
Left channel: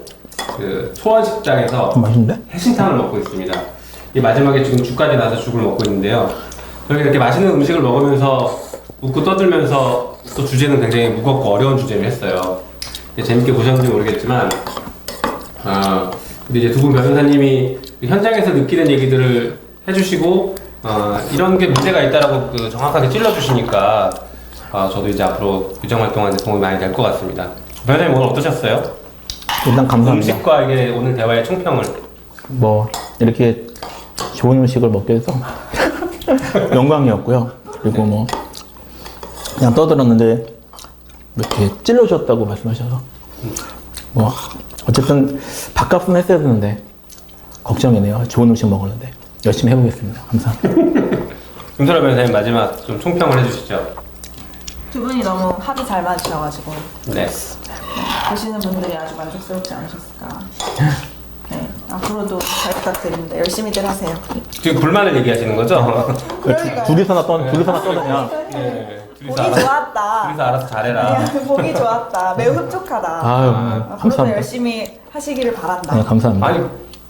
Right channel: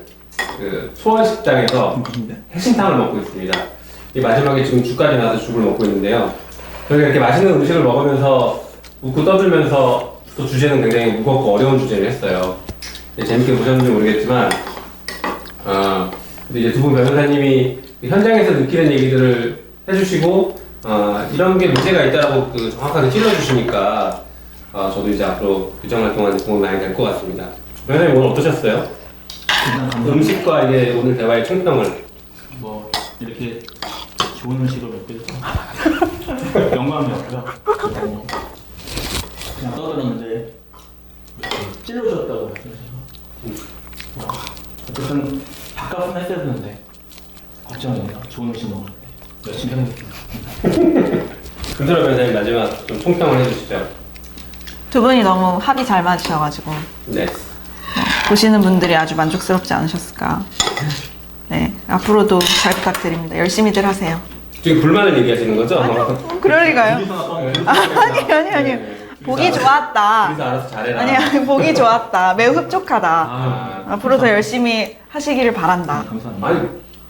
그 초원식당에서 맛있는데? 해신탕을 먹고 있습니다. 이 마지막에 지금 죽까지 나서 죽을 먹고 있는데요. 저희가 이렇게 맛있는 음식을 먹으면서 웃고 떠들면서 또 주제는 굉장히 무겁고 어려운 주제를 했어요. 재밌게 보셨는지 모르겠지만, 근데 이제 두 분 변호사님이 현장에서 느끼는 얘기들을 해주시고, 이런 게 문제가 있다라고 그 정확하게 찔러주시니까, 저도 이제 앞으로 규정활동하는 데 도움이 많이 될 것 같습니다. 변호사님 오늘 어떠셨어요? 일단 감사합니다. 음식과 이게 오늘 대화의 총평을. 뭐 이렇게 좋은 음식을 먹게 돼서 영광이었고요. 그리고 뭐 그냥 떠들었는데 이렇게 찔러주셨다고 말씀하셔서 뭐 어쨌든 밥값은 했어야 되는데 걱정이네요. 좋은 음식 먹었는데 열심히 해보겠습니다. 감사합니다. 금소라 변호사님 마지막 좀 총평을 해주시죠. 두 분이 너무 합이 잘 맞으셔가지고 네. 보시는 분들이 아주 만족스럽지 않으셨을까. 네, 앞으로도 잘 부탁드립니다. 열심히들 하세요. 지금 불만을 얘기하시는 거죠? 그럴 리가요? 둘이서 하나 또 둘이서 하나 아니 아니 아니. 네. 보기 좋았다. 그래서 알아서 잘해라. 아니 보기 좋았다. 매우 흡족하다. 앞으로도 감사합니다. 열심히 하시기를 바란다. 네, 감사합니다. 아니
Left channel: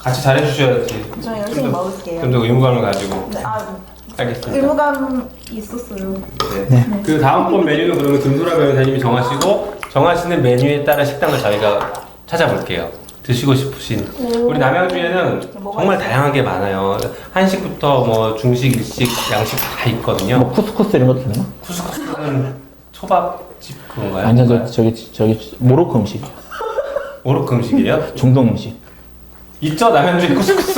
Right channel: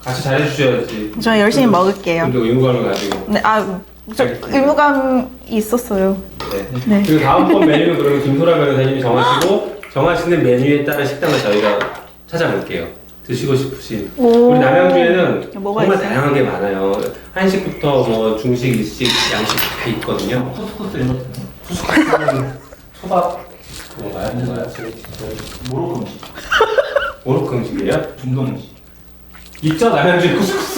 같이 잘해주셔야지. 저 열심히 먹을게요. 좀 더 의무감을 가지고. 네, 알겠습니다. 의무감이 있었어요. 네. 그 다음번 메뉴는 그러면 김소라 변호사님이 정하시고 정하시는 메뉴에 따라 식당을 저희가 찾아볼게요. 드시고 싶으신. 오. 우리 남양주에는 뭐가 정말 있어요? 다양한 게 많아요. 한식부터 뭐 중식, 일식, 양식 다 있거든요. 쿠스쿠스 이런 거 되나요? 쿠스쿠스는 초밥집 그런가요? 완전 저기 모로코 음식, 오로크 음식이에요? 중동 음식. 있죠 남양주 쿠스쿠스.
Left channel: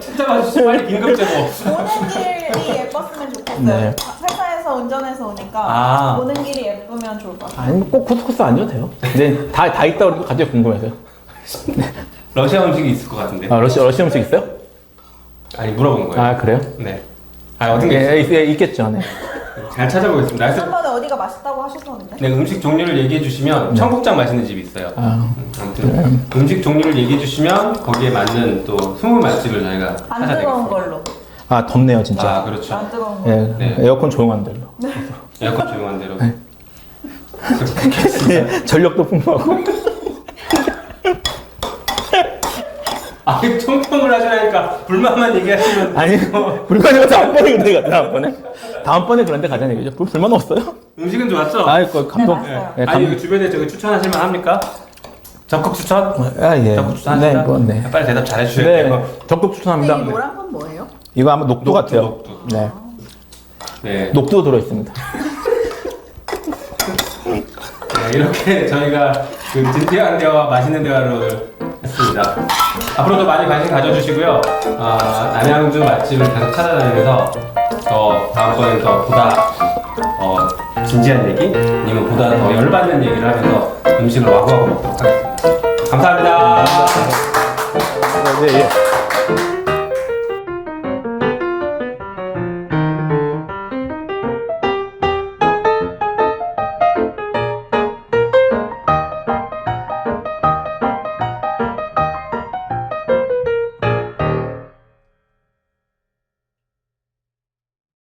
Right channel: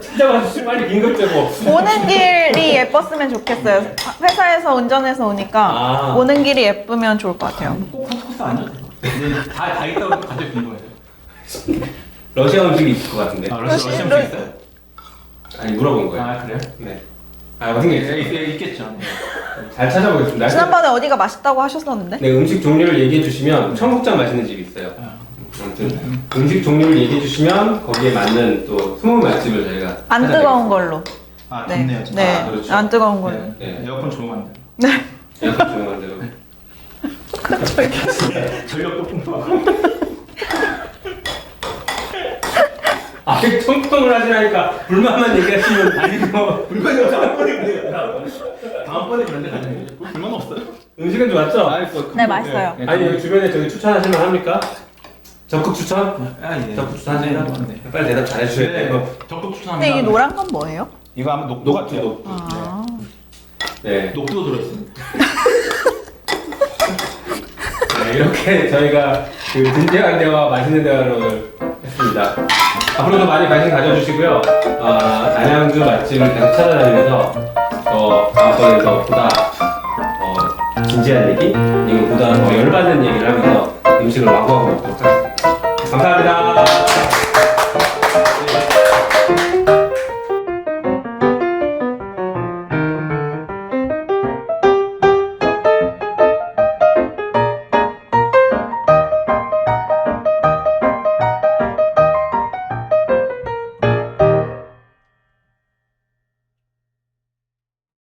찾아봐 주시면 빨리 긴급제보. 오는 길이 예뻤으면 좋겠어요. 네. 회사에서 운전해서 오니까 오는 길이 예쁘면 좋을 것 같아요. 꼭 쿠스쿠스 안 줘도 돼요. 근데 다 있다 그러면 갑자기 궁금해서요. 러시아 음식이 있을 것 같은데. 아 러시아 음식 있어요? 아니 물어본 거예요. 아 그래요? 네. 아 어딘가 있어요. 있겠죠. 네. 잘 찾아보겠습니다. 지난번에 어디가 맛있다고 하셨었는데? 네, 음식 종류를 얘기해 주시면 청국장 맛있는 집이 있어요. 아무튼 음식 종류를 얘기해 주시면 거기에 맞는 또 20맛집을 저희가 안 찾아내겠습니다. 뜨거운 걸로. 아 덥네요 진짜. 네, 그렇죠. 안 뜨거운 걸로. 네. 네. 에어컨 조용한 데로. 에어컨 조용한 대로. 전력도 풍부하고. 아, 청평을 하시라니까 불만만 얘기하시면 아니 불만이 다음번에 그런데 가자. 다음번에 그런데 가자는 얘기죠. 불만 없어요? 음식은 좋았죠? 네, 맛있어요. 아니 여기 주변에 저기 추천하실 만 합니까? 적극 추천? 아 예. 적극 추천하실까? 네, 뭐, 네. 빨리 대답 잘 해주셔야 네, 돼요. 적극 근데 추천합니다. 이 노란 건 뭐예요? 이거 아마 녹두 같아요. 녹두. 네. 네. 녹두 들어 있습니다. 네, 이렇게 저희가 그 진지한 대화, 맛있는 대화를 했습니다. 좋습니다. 앞으로도 많이 관심 가져주시고요. 안양주 맛집을 계속 찾아다니면서 더 다음번에는 더 보다 진지한 얘기 아니면 보다 더 열받는 얘기를 하면서 음식을 와구와구 먹도록 하겠습니다. 감사합니다. 네.